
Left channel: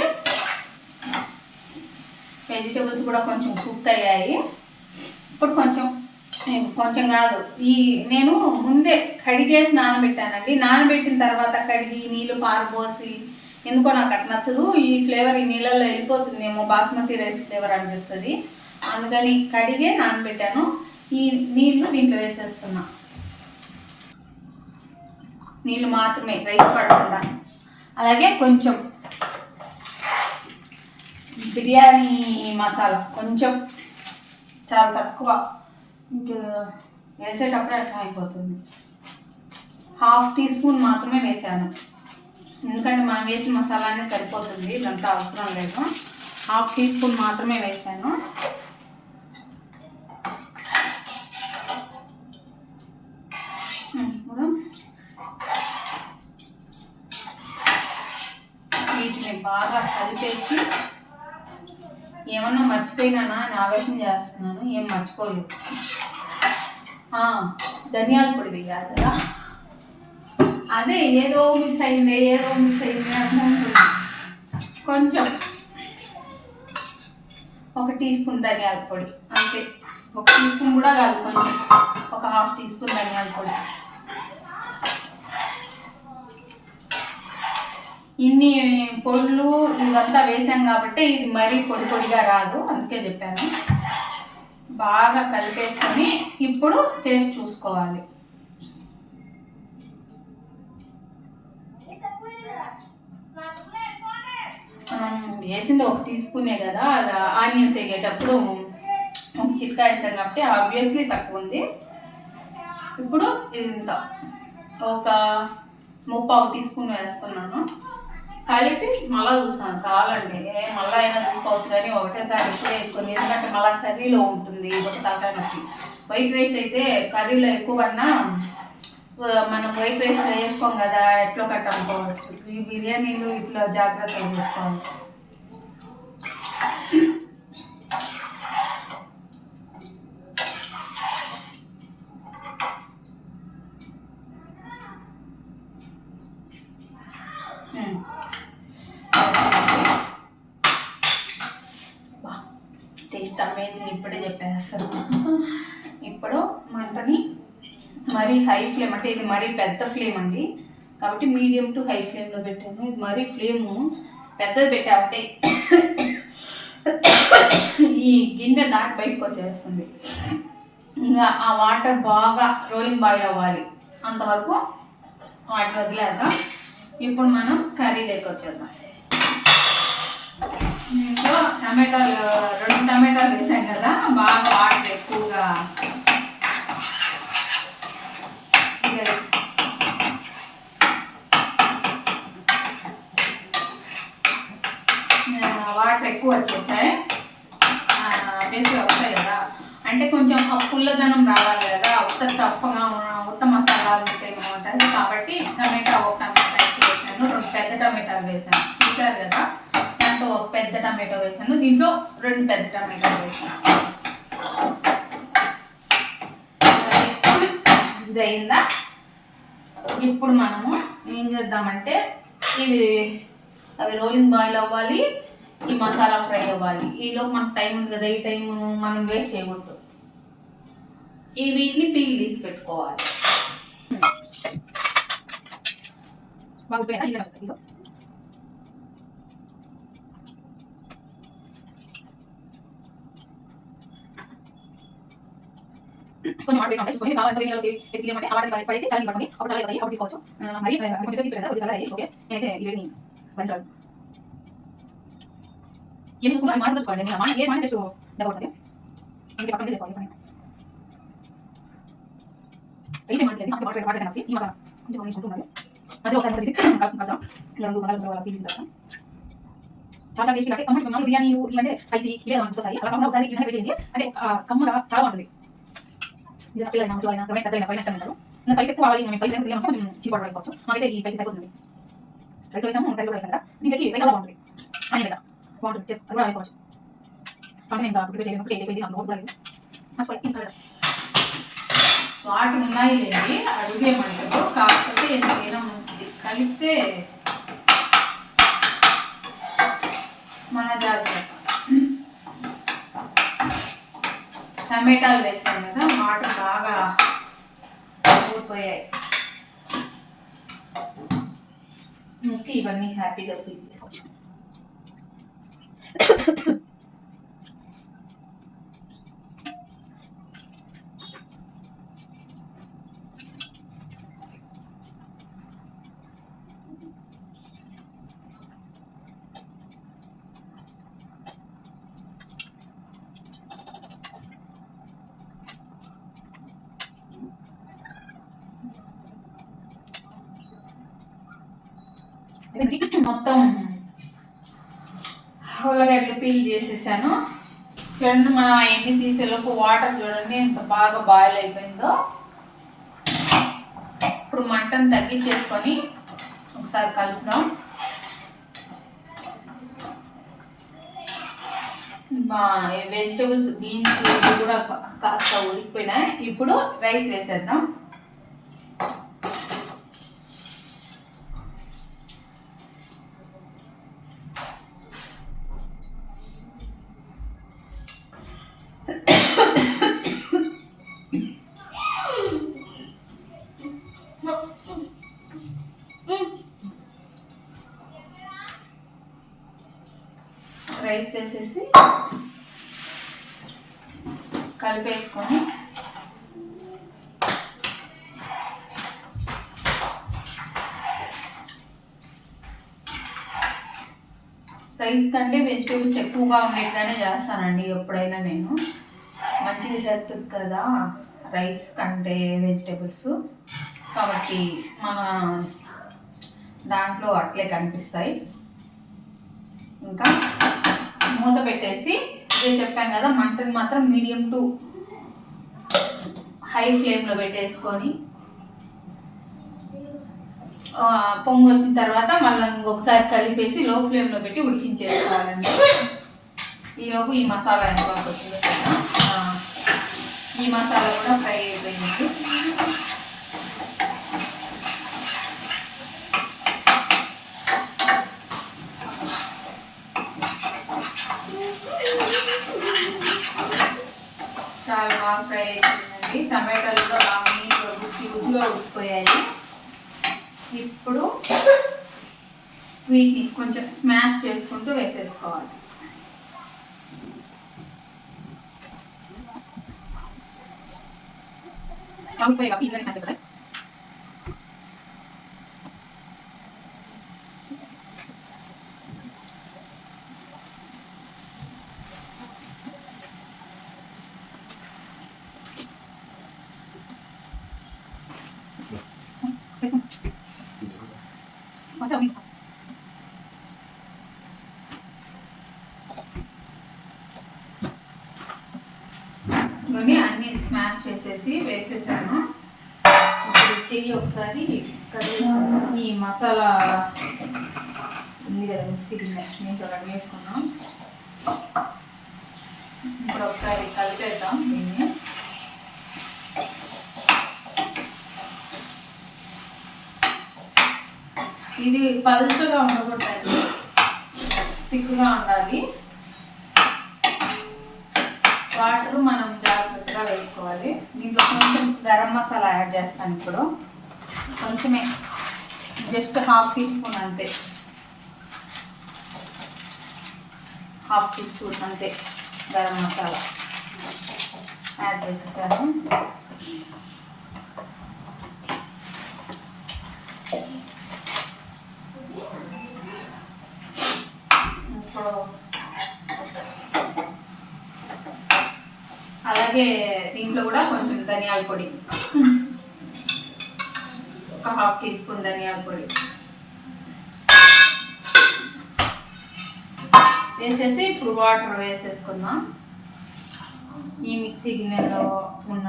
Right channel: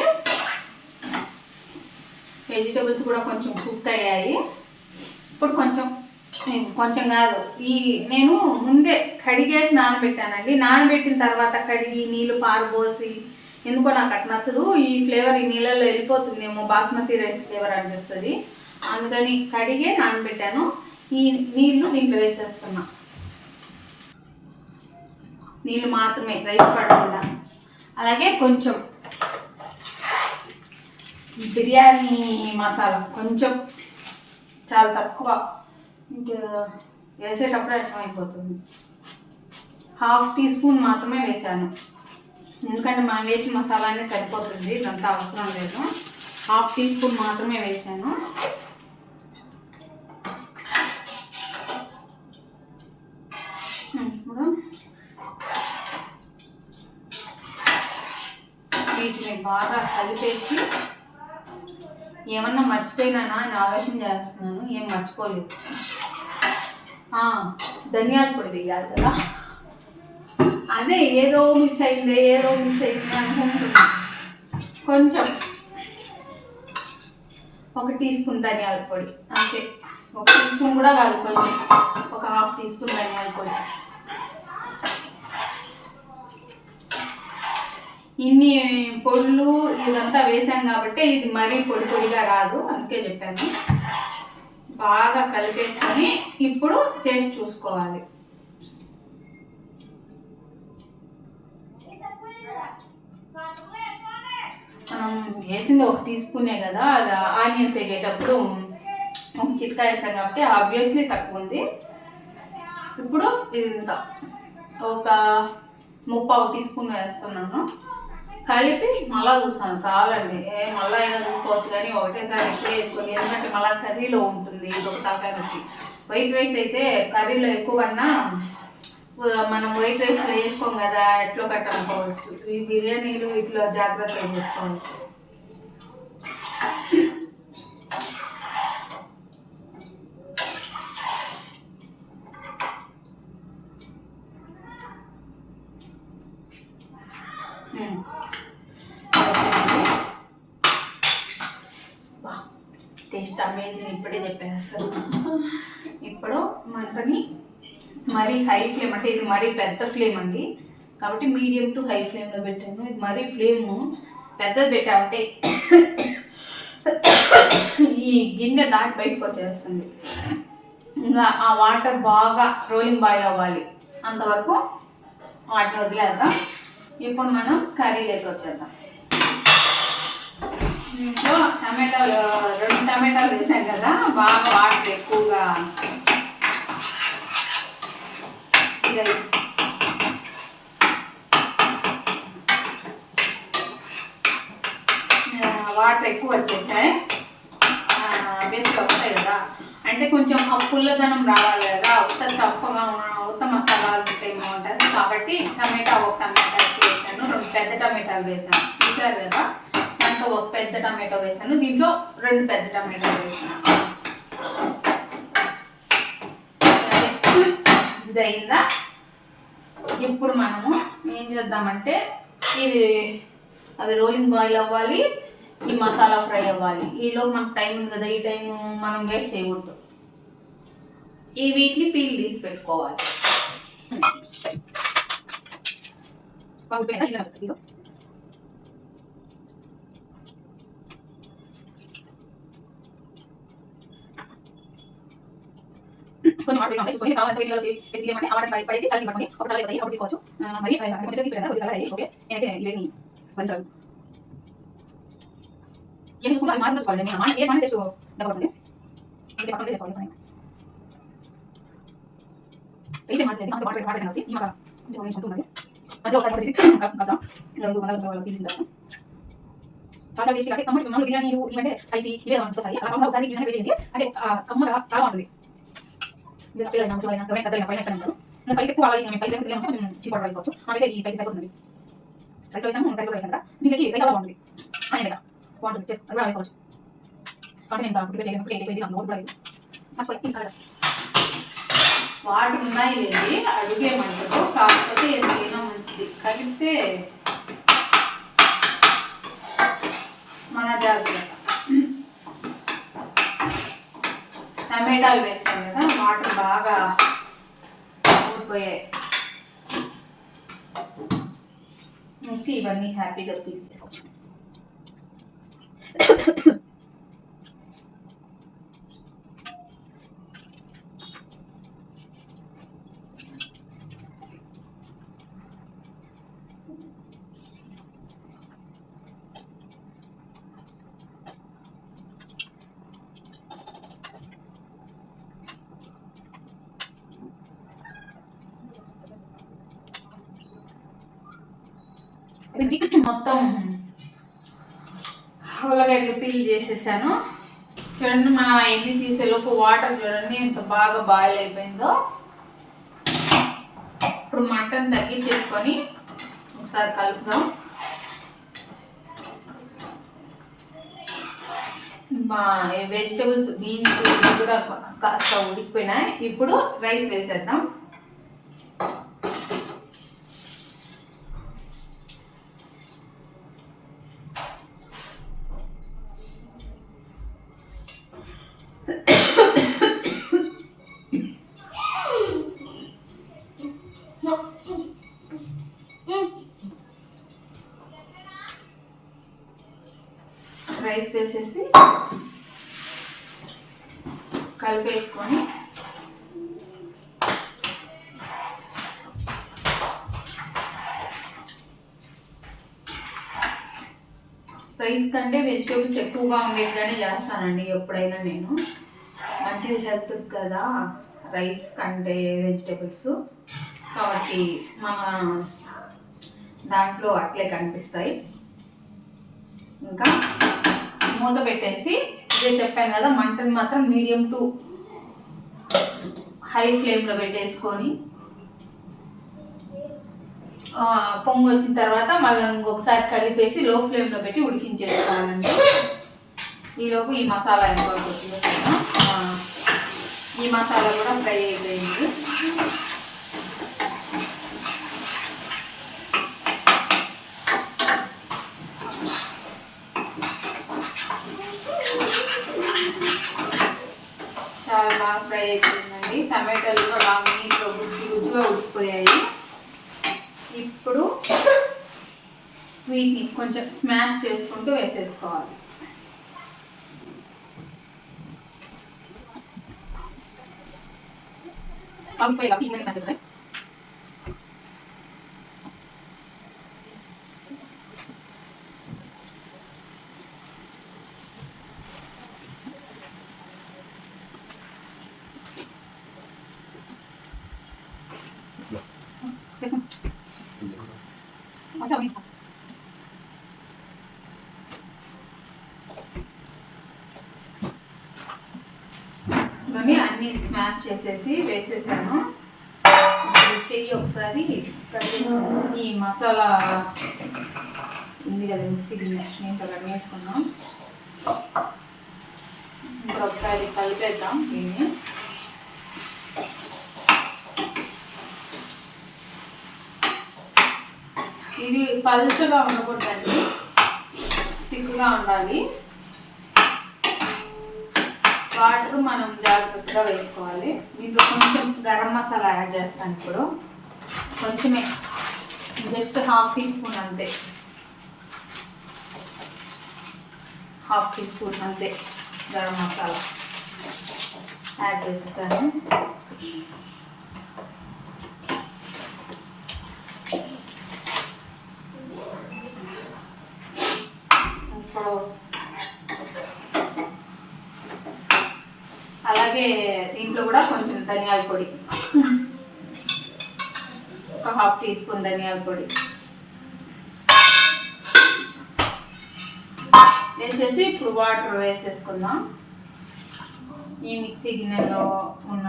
వెజిటేబుల్స్ కూడా కొంచెం కుక్ అయ్యాయి. ఇప్పుడు కొంచెం కాదు, నేను ముందే కడిగేసి నానబెట్టానండి. నానబెట్టిన తర్వాత కడిగి నీళ్ళు పారబోసి, ఎందుకో నాకు అట్లా నచ్చదు. ఈ ఫ్లేవర్ ఈ నీళ్ళల్లో వెళ్ళిపోతుందేమో, బాస్మతి రైస్ ఫ్లేవర్ అనిపిస్తుంది. అందుకని కడిగే నానబెట్టాను. ఈ నీళ్ళు దీంట్లో వేసేస్తున్నా, నీళ్ళు మాత్రమే, రైస్ పడకుండా. అలాగే కొంచెం బిర్యానీ మసాలా, కొంచెం చాలా తక్కువ, ఇంకా వేసేటప్పుడు అర్థమైపోతుంది. 1/2 టీ స్పూన్ మాత్రమే వేసాను, ఎందుకంటే మనం వేసిన మసాలానే సరిపోతుంది, ఇదంతా అవసరం లేదు. 1/2 టీ స్పూన్ మాత్రమే వేసాను. ఇప్పుడు వీటిని బాగా కలిపేసి, ఏమన్నా మర్చిపోయినానా అని ఆలోచన చేస్తున్నాను, ఏం మర్చిపోలేదు. ధనియాల పొడి వేయాలి కదా, అదే ఏదో మిస్ అయింది అనుకుంటున్నా. కొంచెం 1 టీ స్పూన్ ధనియాల పొడి అంతే, 1 టీ స్పూన్ కూడా కాదు, కొంచెం ఒక 1/2 టీ స్పూన్ ధనియాల పొడి. ఇన్ని పొడులు ఇవంతా వేసాం కాబట్టి ఇది మరీ పొడిగా రాదు, అందుకే చెప్పాను. బాగా కలిపేసుకొని ఇప్పుడు టేస్ట్ చూసుకోవాలి. మనం వేసింది 1 టీ స్పూనే కదా, అది ఆనియన్స్ వేగేటప్పుడు 1 చిట్కా వేసాం కాబట్టి ఆబ్వియస్లీ తక్కువ ఉంది. ఇప్పుడు ఇంత ఒక 3/4 టీ స్పూన్ వేస్తున్నాను. కలిపి మళ్ళీ చూస్తాను, కావాలండి మళ్ళీ అయినా చూసుకోవచ్చు, కానీ ఒకటేసారి ఎక్కువ వేసుకొని, ఎందుకంటే మళ్ళీ కర్రీలో ఉంటుంది, ఇది ఒక తలకాయకి. వైట్ రైస్ అయితే కర్రీలో ఎక్కువ కన్నా మనం వైట్ రైస్ వేసుకోం కదా, ఎట్లో కట్ట అనుకోవచ్చు. ఈ బిర్యానీలు ఇట్లా జాగ్రత్తగా చేసుకోవాలి. టేస్ట్ అమేజింగ్, ఇప్పుడే చెప్పేస్తాను. ఇప్పుడు మంటని మరీ హై ఫ్లేమ్, అంటే ఇది మరీ పెద్ద ఫ్లేమ్ అండి, కాబట్టి మీడియం టు హై ఫ్లేమ్లో పెట్టాను. ఇది మరీ ఫ్లేము పెద్దది పెట్టామంటే ఈ గిన్నె దాటి బయటకు వచ్చేస్తుంది. ఇంకా ఆ వాటర్ బాగా రోలింగ్ బాయిల్ అవ్వాలి, అంతవరకు వాటిని వదిలేద్దాం. ఇప్పుడు మనం కర్రీలోకి వచ్చేద్దాం. దీంట్లో 2 టమాటాలు వేసాం కదా, బాగా వాటర్ ఎక్కువగా వాటర్ ఎక్కువ వచ్చేసాయి, బేసిక్గా వస్తాయి కదా, అంటే కొంచెం పుల్లదనం రావాలి కదా, చప్పగా ఉత్త మసాలాలు ఏమో ఉంటుంది కాబట్టి. టమాటా 1 టమాటా వేసాను, 2 పెద్ద టమాటాలు వేసాను, చూసారు కదా. దాంట్లో 1 పెద్ద టమాటో వేసాను, దీంట్లో 2 పెద్ద టమాటాలు వేసాను. ఇది అయిందా? ఇప్పుడు మనము ఏం చేద్దామంటే, అవి రోలింగ్ బాయిల్ అవ్వాలి, ఈ మసాలా ఫ్రై అవ్వాలి. ఈలోపు మనకు టైం ఉంది కదా, ఈ టైం మనం వేస్ట్ చేయకూడదు. ఈ వీటిని పీల్ తీసి పెట్టుకోవాలి. కొంచెం వాటర్ వేయాలి, చూసుకొని కావాలంటే వేడిలో పెట్టేయమంటే ఆ వాటర్ పడేసి చల్లని పట్టుకొని అప్పుడు చల్ల అవుతాయి, అప్పుడు తీసుకోవచ్చు. మరి కొంచెం తీసి పెట్టాను, కొద్దిగా చల్ల అయ్యి. ఓకే, నేనైతే ఇవన్నీ భరించాలి. ఏం చూసుకుంటే అవి మాట్లాడుకోవాలి, నేను ఏ మాట టేస్ట్ దెబ్బతుంది, ఇంటి పక్కన చేసుకోవాలి. వేసే మాట్లాడేది అంటే వాటర్ వేసాను, ఈ మసాలా కొంచెం వేసుకుంటున్నది. మధ్య ఒకసారి తీసి కలుపుకుంటాం, ఇంకా 2 మసాలా పీల్చుకుంటాం. చాలా టేస్టీ. అంటే కమ్మటి మామూలు బిర్యానీలు ఇవంటే స్పైసీ ఇవే వస్తాయి, అలా కాకుండా ఒకసారి ఇవన్నీ వేసేయండి, అంటే కమ్మగా చాలా ఉంటుంది. పిల్లలైనా ముసలైనా ఎవరైనా పెద్దలైనా పైన ఇష్టం ఉంటారు. స్పైస్ ఎక్కువ కావాలి, మేము స్పైస్ కొంచెం చీప్ వేసుకోవచ్చు. మాకైతే ఈ స్పైసెస్ అయిపోతుంది. రైస్ వేసాము, కర్రీ కూడా వేసాం కదా, దీనికి రైతా కూడా బాగుంటుంది. ఆయన రైతా బాగుంటుంది, చేసి అది కూడా వేసుకోవచ్చు. కాబట్టి నేను ప్రిపేర్ చేయలేనప్పుడు ఏదైపోయింది నాకు కూడా లేదు. మర్చిపోయి ఇంకా వాటి ఉన్నాయి లేండి అడుగేమంటారు, కాకపోతే ఏదైనా మంచిది కలిపితే మన జాగ్రత్త. టమాటాలు వేసాం కదా, వాటర్ బాగా ఊడిపోయాయి. నుంచి ఇవన్నీ హ్యాపీగా తీసుకోవచ్చు. మొత్తం ఉల్లగడ్డలు పీల్ చేసేసాను. చూడండి మనం అవన్నీ తీసేలోపు వాటర్ చూడండి ఎంత బాగా బాయిల్ అయిపోయిందో. ఇప్పుడు మంటను తగ్గించేసుకొని ఒకసారి కలుపుదాం. వెజిటబుల్స్ బీన్స్ కూడా కాస్త ఉడికిపోయినాయి. ఇప్పుడు రైస్ వేసేద్దాం. రైస్ వేసేసి కలిపేసుకొని రైస్ కంటే వెజిటేబుల్స్ ఎక్కువగా ఉండేట్టుగానే చేస్తానండి ఎప్పుడైనా నేను. మంచిది హెల్త్ కదా రైస్ కంటే వెజిటేబుల్స్, కాబట్టి మన దాంట్లో అట్లే కనిపిస్తాయి. ఇంకా మూత పెట్టేసి ఇదే చెప్పాను కదా, మంటని మాత్రం మీడియం టు హై ఫ్లేమ్లో పెట్టేసుకొని పొంగు వచ్చిన తర్వాత మళ్ళీ ఇంకొకసారి కలిపేసి లో ఫ్లేమ్లో పెట్టి ఉడికించేసుకోవాలండి. ఈలోపు ఈ మసాలా ఎంతవరకు వచ్చిందో కదా, ఈ మసాలా కూడా ఫ్రై అయిపోయింది. చాలా బాగా ఫ్రై అయిపోయిందండి. టమాటాలు కూడా బాగా నీట్గా గుజ్జుగా ఉడికిపోయాయి. ఇప్పుడు వీటిని కొంచెం స్మాష్ చేసుకుంటూ వేసేసుకోవాలి. అన్ని స్మాష్ చేసేసి వేసేసాను. ఇప్పుడు చెయ్యి ఒకసారి ఈ మసాలా ఉంది కదా మిక్సీకి దీంతో కట్ వేసుకున్నాం. ఇంకా ఒకసారి కలిపేద్దాం దీన్ని. ఇది పలుచగా ఉండకూడదండి, తిక్కుగా ఉండాలి. వాటర్ మనం జాగ్రత్తగా వేసుకోవాలి. దీంట్లో కొంచెం గరం మసాలా యాడ్ చేస్తాను. ఇప్పుడు కొంచెమే, జస్ట్ హాఫ్ టీ స్పూన్ అంతే, హాఫ్ టీ స్పూన్ అంతే గరం మసాలా యాడ్ చేసేసాను. ఇప్పుడు అలాగే దీంట్లో కూడా కొంచెం ధనియాల పొడి, ఒక హాఫ్ టీ స్పూన్ ధనియాల పొడి వేసేసి ఇప్పుడు వాటర్ వేసేసుకుందాం. ఈ మిక్సీ గిన్నెలో ఉన్న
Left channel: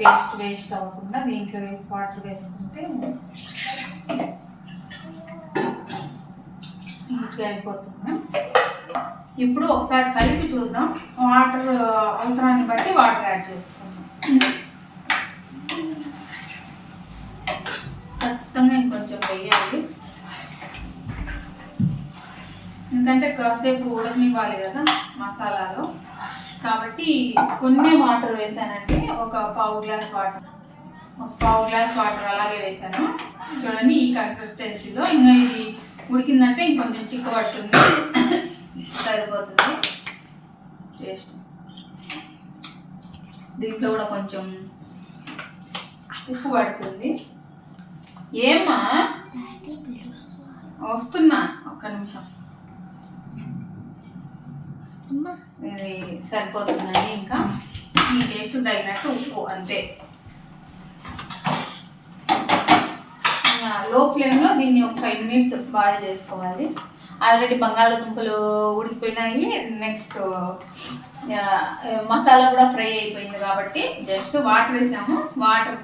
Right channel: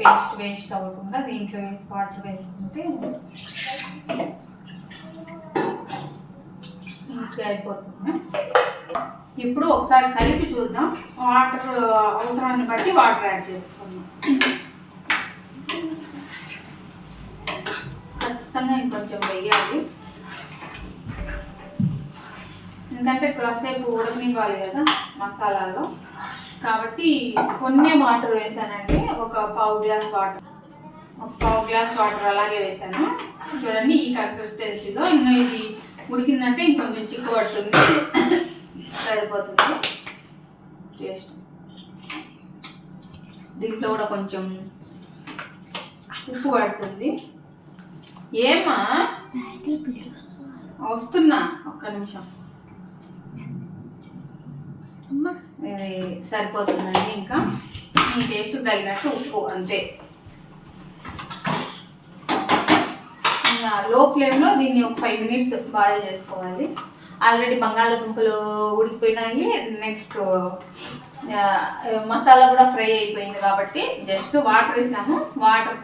పేస్ట్ వేస్ట్ అవ్వకుండా దీంట్లో వేసి వాటర్ వేసుకుంటే క్విక్గా అయిపోతుంది. ఇప్పుడు ఒకసారి కలిపి చూద్దాం. వాటర్ అవసరాన్ని బట్టి వాటర్ యాడ్ చేసుకుందాం. ఖచ్చితంగా ఇంకొంచెం వేయాలి, ఎందుకంటే కాసేపు ఉడకనివ్వాలి కదా మసాలాలో. కాబట్టి కొన్ని వాటర్ వేసానండి, ఒక పావు గ్లాస్ వాటర్ అలాగే వేసాను. చూడండి ఈ కన్సిస్టెన్సీలో. ఇంకా ఇది ఉడికిందంటే ఇంకొంచెం చిక్కబడుతుంది, సరిపోతుంది టేస్ట్. దీంట్లో కూడా కొంచెం ఉప్పు పడుతుంది. ఏమా వస్తున్నా, ఒక్క నిమిషం. ఇది సరిపోతుందండి. ఇంకా ఈ టేస్ట్ తగినట్టు ఉప్పు అంతే. లో ఫ్లేమ్లో దీన్ని ఒక 5 మినిట్స్ బాయిల్ చేసుకోవాలి. ఆల్రెడీ బంగాళదుంపలు ఉడికిపోయినాయి, నెక్స్ట్ మసాలా కూడా ఫ్రై అయిపోయింది. కాబట్టి జస్ట్ వాటర్ వేసాము, వాటర్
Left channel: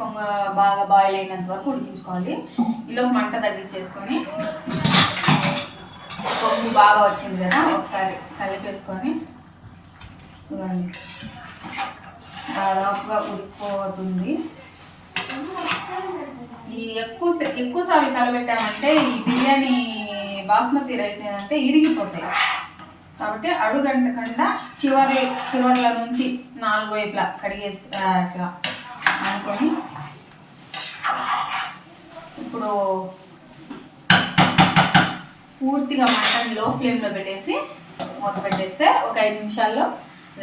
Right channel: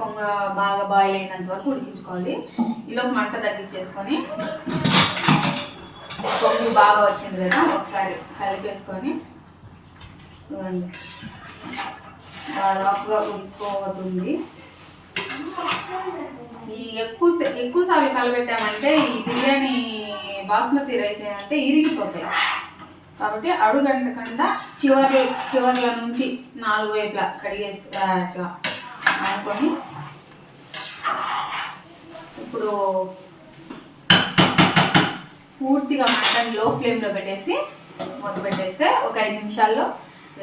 బాగా బాయిల్ అయినంత వరకు ఉడికించుకోవాలి. ఈలోపు మంట తగ్గించేసుకొని, పొంగు బాగా వచ్చింది కదా, ఒకసారి కలిపేసుకొని చూడండి దాదాపుగా ఉడికిపోతుంది. ఈ ఎక్కువసార్లు కలబెట్టామంటే ఈ బిర్యానీ బాస్మతి రైస్ ఏంటంటే ఇరిగిపోతాయి. కాబట్టి అడుగంటకుండా చివర్ల నుంచి 4 వైపులా కడిగేసి అట్లా అనుకొని, ఇప్పుడు పూర్తిగా మటన్ లో ఫ్లేమ్లో పెట్టేసి మూత పెట్టేస్తే ఒక 5 నిమిషాల్లో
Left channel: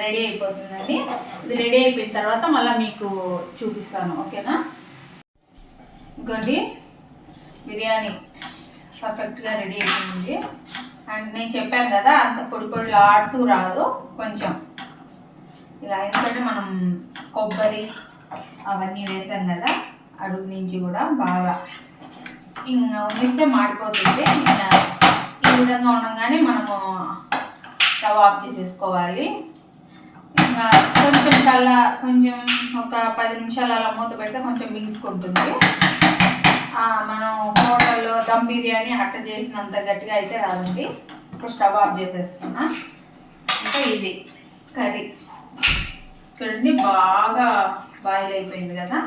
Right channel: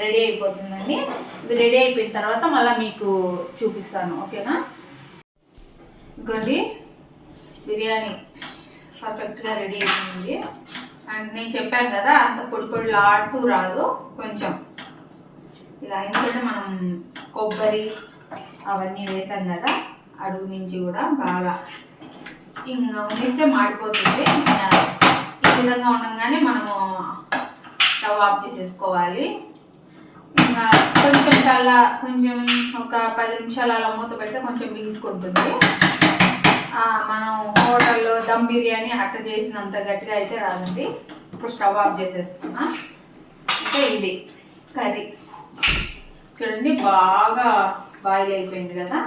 రెడీ అయిపోతుందండి. ఇది రెడీ అయిపోయిన తర్వాత మళ్ళీ మీకు చూపిస్తాను, ఓకేనా? ఇంకోండి బిర్యానీ పర్ఫెక్ట్గా రెడీ అయిపోయింది. అండ్ నేను చెప్పాను కదా అంత పొడిలా ఆడుతూ రాదు, కొంచెం ఇలా. ఎందుకంటే మనం కొబ్బరి అవన్నీ వేసాం కదా, అడుగు నుంచి కూడా బాగా ఇంకా ఉనిస్తే మాడిపోతుంది. ఇంకా ఈ విధంగా ఉండగానే మనము స్టవ్ ఆఫ్ చేసేసుకోవాలి. ఇంకా కొంచెం ఒక 10 నిమిషాలు అలా మూత పెడితే కొంచెం బిగుసుకుంటుంది. మనం హోటల్లో దమ్ బిర్యానీ అట్ట చేసినంత గట్టిగా అయితే రాదండి. ఇప్పుడు స్టవ్ ఆఫ్ చేసేస్తున్నా. ఇంకా ఇది కర్రీ చూడండి బాగా బాయిల్ అయిపోయింది కదా.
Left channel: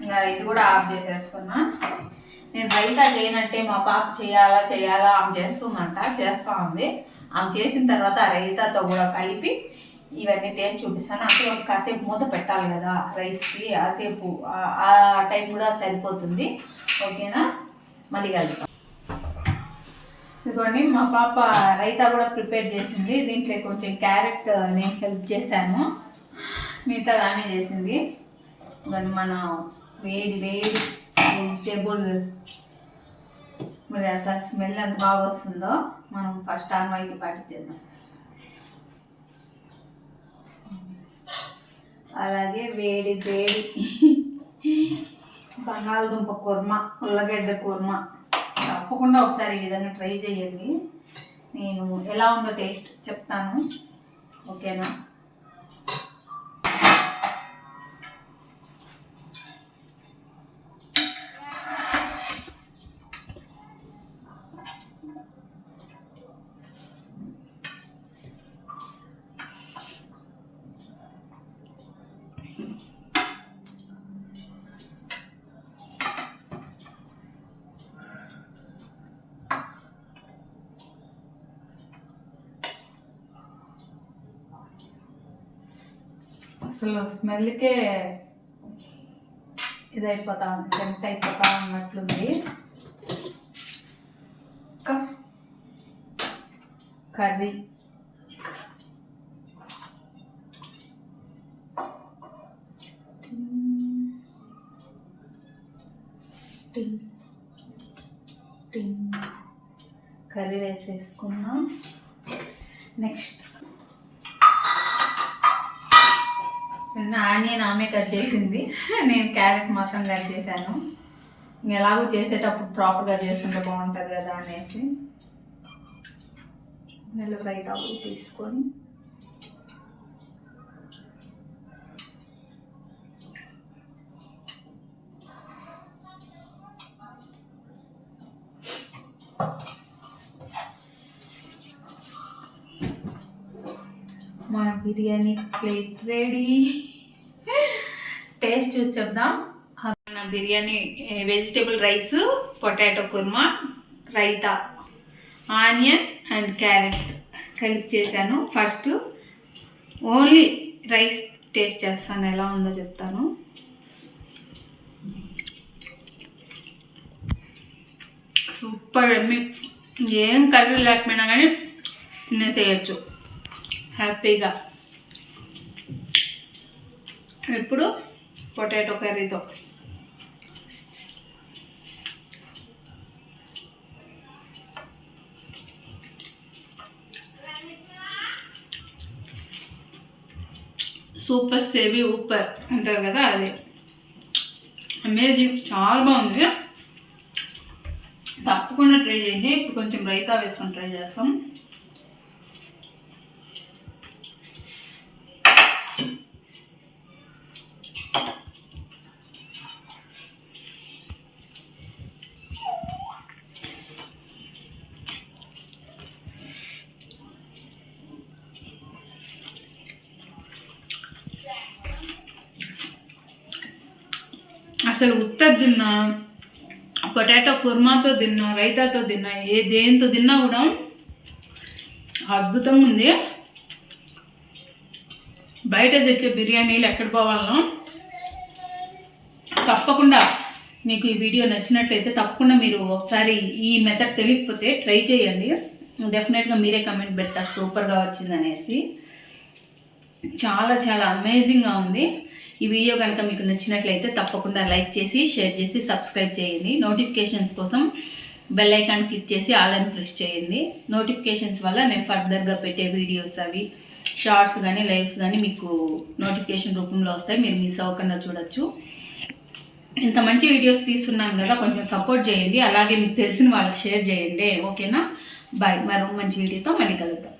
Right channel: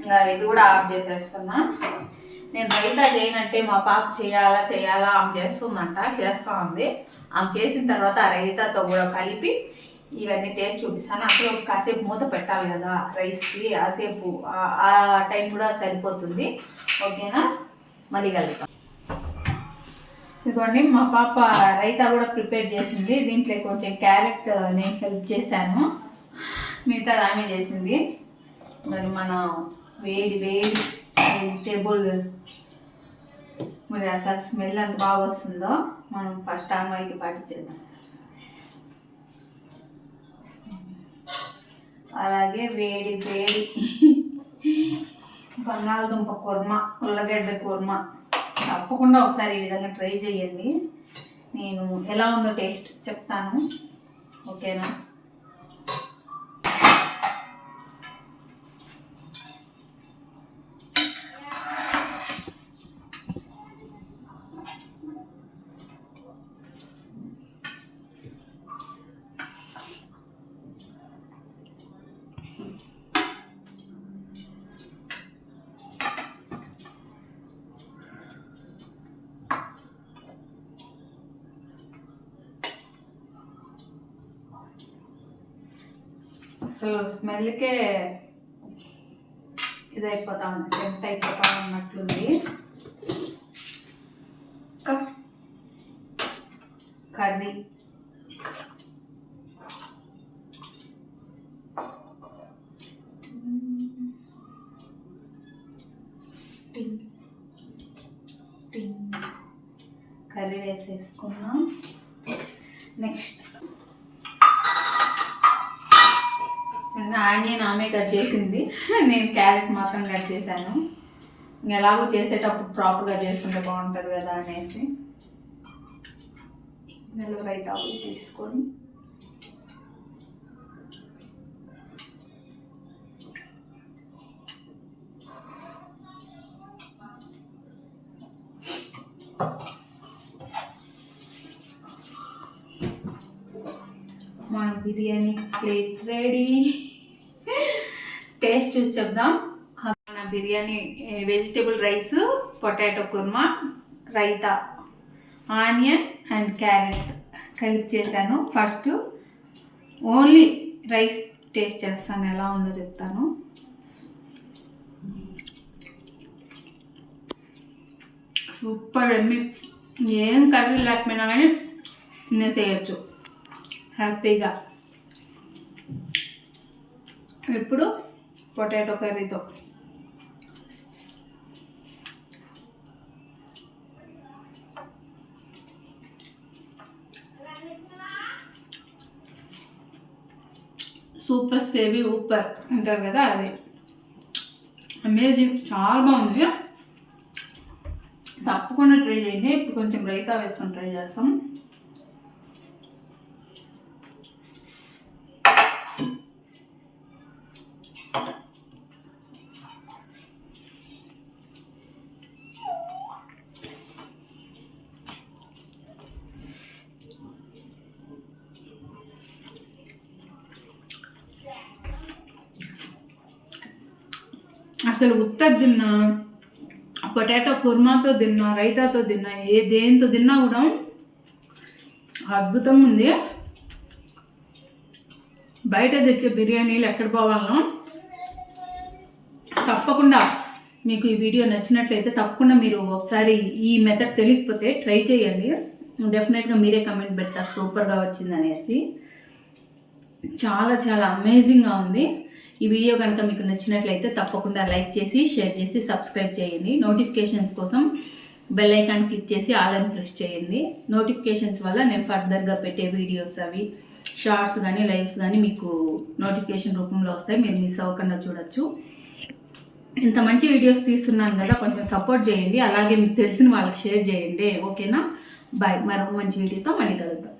ఇంకా ఇది కూడా ఆఫ్ చేసేస్తున్నా. నేను రైతా చేయనట్టే మా పాప చేయాలా ఆమె చేస్తూ ఉంది. ఆమె చేసిన తర్వాత ఆ రైతాతో కూడా కలిపి ఇవన్నీ టేస్ట్ చూపిస్తాను. అసలు కాసేపు మూత పెట్టాలి కదా రైస్కి, ఆసేపు ఆ టైం కూడా సరిపోతుంది, ఓకేనా? మళ్ళీ కలుగుతాం. ఇదిగోండి మా పాప రైతా కూడా ప్రిపేర్ చేసింది. దీంట్లో కొంచెం క్యారెట్ నేను హెల్ప్ చేశాను, మిగతా ఆమె చేసింది. దాన్ని మనం వేడి వెజిటేబుల్ మరి అసలు స్మెల్ ఎంత బాగా వస్తుందో. మనం ఫస్ట్ ఆమెకి పాటించేద్దాం. అలాగే వేడి బంగాళదుంప కుర్మా, ఉల్లగడ్డ కుర్మా తప్పకుండా ఒకసారి ఈ విధంగా ట్రై చేయండి. నేను ఎలా ఉందో టేస్ట్ చెప్తాను, ఓకేనా? అసలు స్మెల్కే ఇదైపోతా ఉంది, టెంప్ట్ అయిపోతా ఉన్నట్లుంది. కర్రీ కర్రీ వేసేసుకున్నాం. నెక్స్ట్ ఆనియన్ ఆమె కట్ చేసింది, నేను క్యారెట్ మాత్రం కట్ చేశాను. ఎలాగో చేసేటప్పుడు ప్రాపర్గా చేసుకుంటే బాగుంటుంది కదా అనేసి రైతా వేసేసుకొని బిర్యానీ ప్లేట్ రెడీ. టేస్ట్ చూసి చెప్దాం. నా biryani vegetable rice, potato kurma, raita, onion and carrot కలిపి చేశాను. ఫస్ట్ ఓన్లీ రైస్ టేస్ట్ చేస్తాను, ఎలా ఉందో చెప్తాను. సూపర్ ఎమ్మి. ఏం కర్రీ లేకపోయినా కానీ తినేసేయచ్చు హ్యాపీగా. ఇప్పుడు పొటాటో కర్రీతో సూపర్ సేవి ఊపర్ అంటారు కదా, అది అమేజింగ్, చాలా బాగుంది. తప్పకుండా ట్రై చేయండి. ఇప్పుడు కొంచెం రైతా వేసుకొని ట్రై చేస్తాం. అసలు ఉత్తది తిన్నా, పొటాటో కుర్మాతో తిన్నా, రైతాతో తిన్నా, దేంతో తిన్నా కూడా అద్భుతంగా ఉంది. బయట తెచ్చే బిర్యానీలు ఎక్కడ పోవాలనో, తప్పకుండా మీకు ఈ వీడియో నచ్చినట్లయితే తప్పకుండా మీరు ఒకసారి ఈ మెథడ్ తెలియకపోతే ట్రై చేయండి. డెఫినెట్గా మీరే కమెంట్ పెడతారు సూపర్గా వచ్చింది అనేసి. చాలా చాలా అమేజింగ్గా ఉంది. ఈ వీడియో కనుక మీకు నచ్చినట్లయితే తప్పకుండా లైక్ చేసి, షేర్ చేసి, సబ్స్క్రైబ్ చేయండి. నోటిఫికేషన్స్ కోసం బెల్ ఐకాన్ క్లిక్ చేసి ఆల్ అని ప్రెస్ చేయండి. నోటిఫికేషన్స్ వల్ల నేను ఫర్దర్గా పెట్టే వీడియోస్, అవి షార్ట్స్ కానీ లైవ్స్ కానీ మీకు నోటిఫికేషన్ రూపంలో వస్తాయి. మీరు మిస్ అవ్వకుండా చూడొచ్చు. ఇంత మంచి వీడియోస్ తీస్తున్నాను కదా, కొంచెం సపోర్ట్ చేయండి. అలాగే మీకు తెలిసిన వాళ్ళకి షేర్ చేయండి. ఓకేనా? బాయ్. మరో మంచి వీడియోతో మళ్ళీ కలుద్దాం.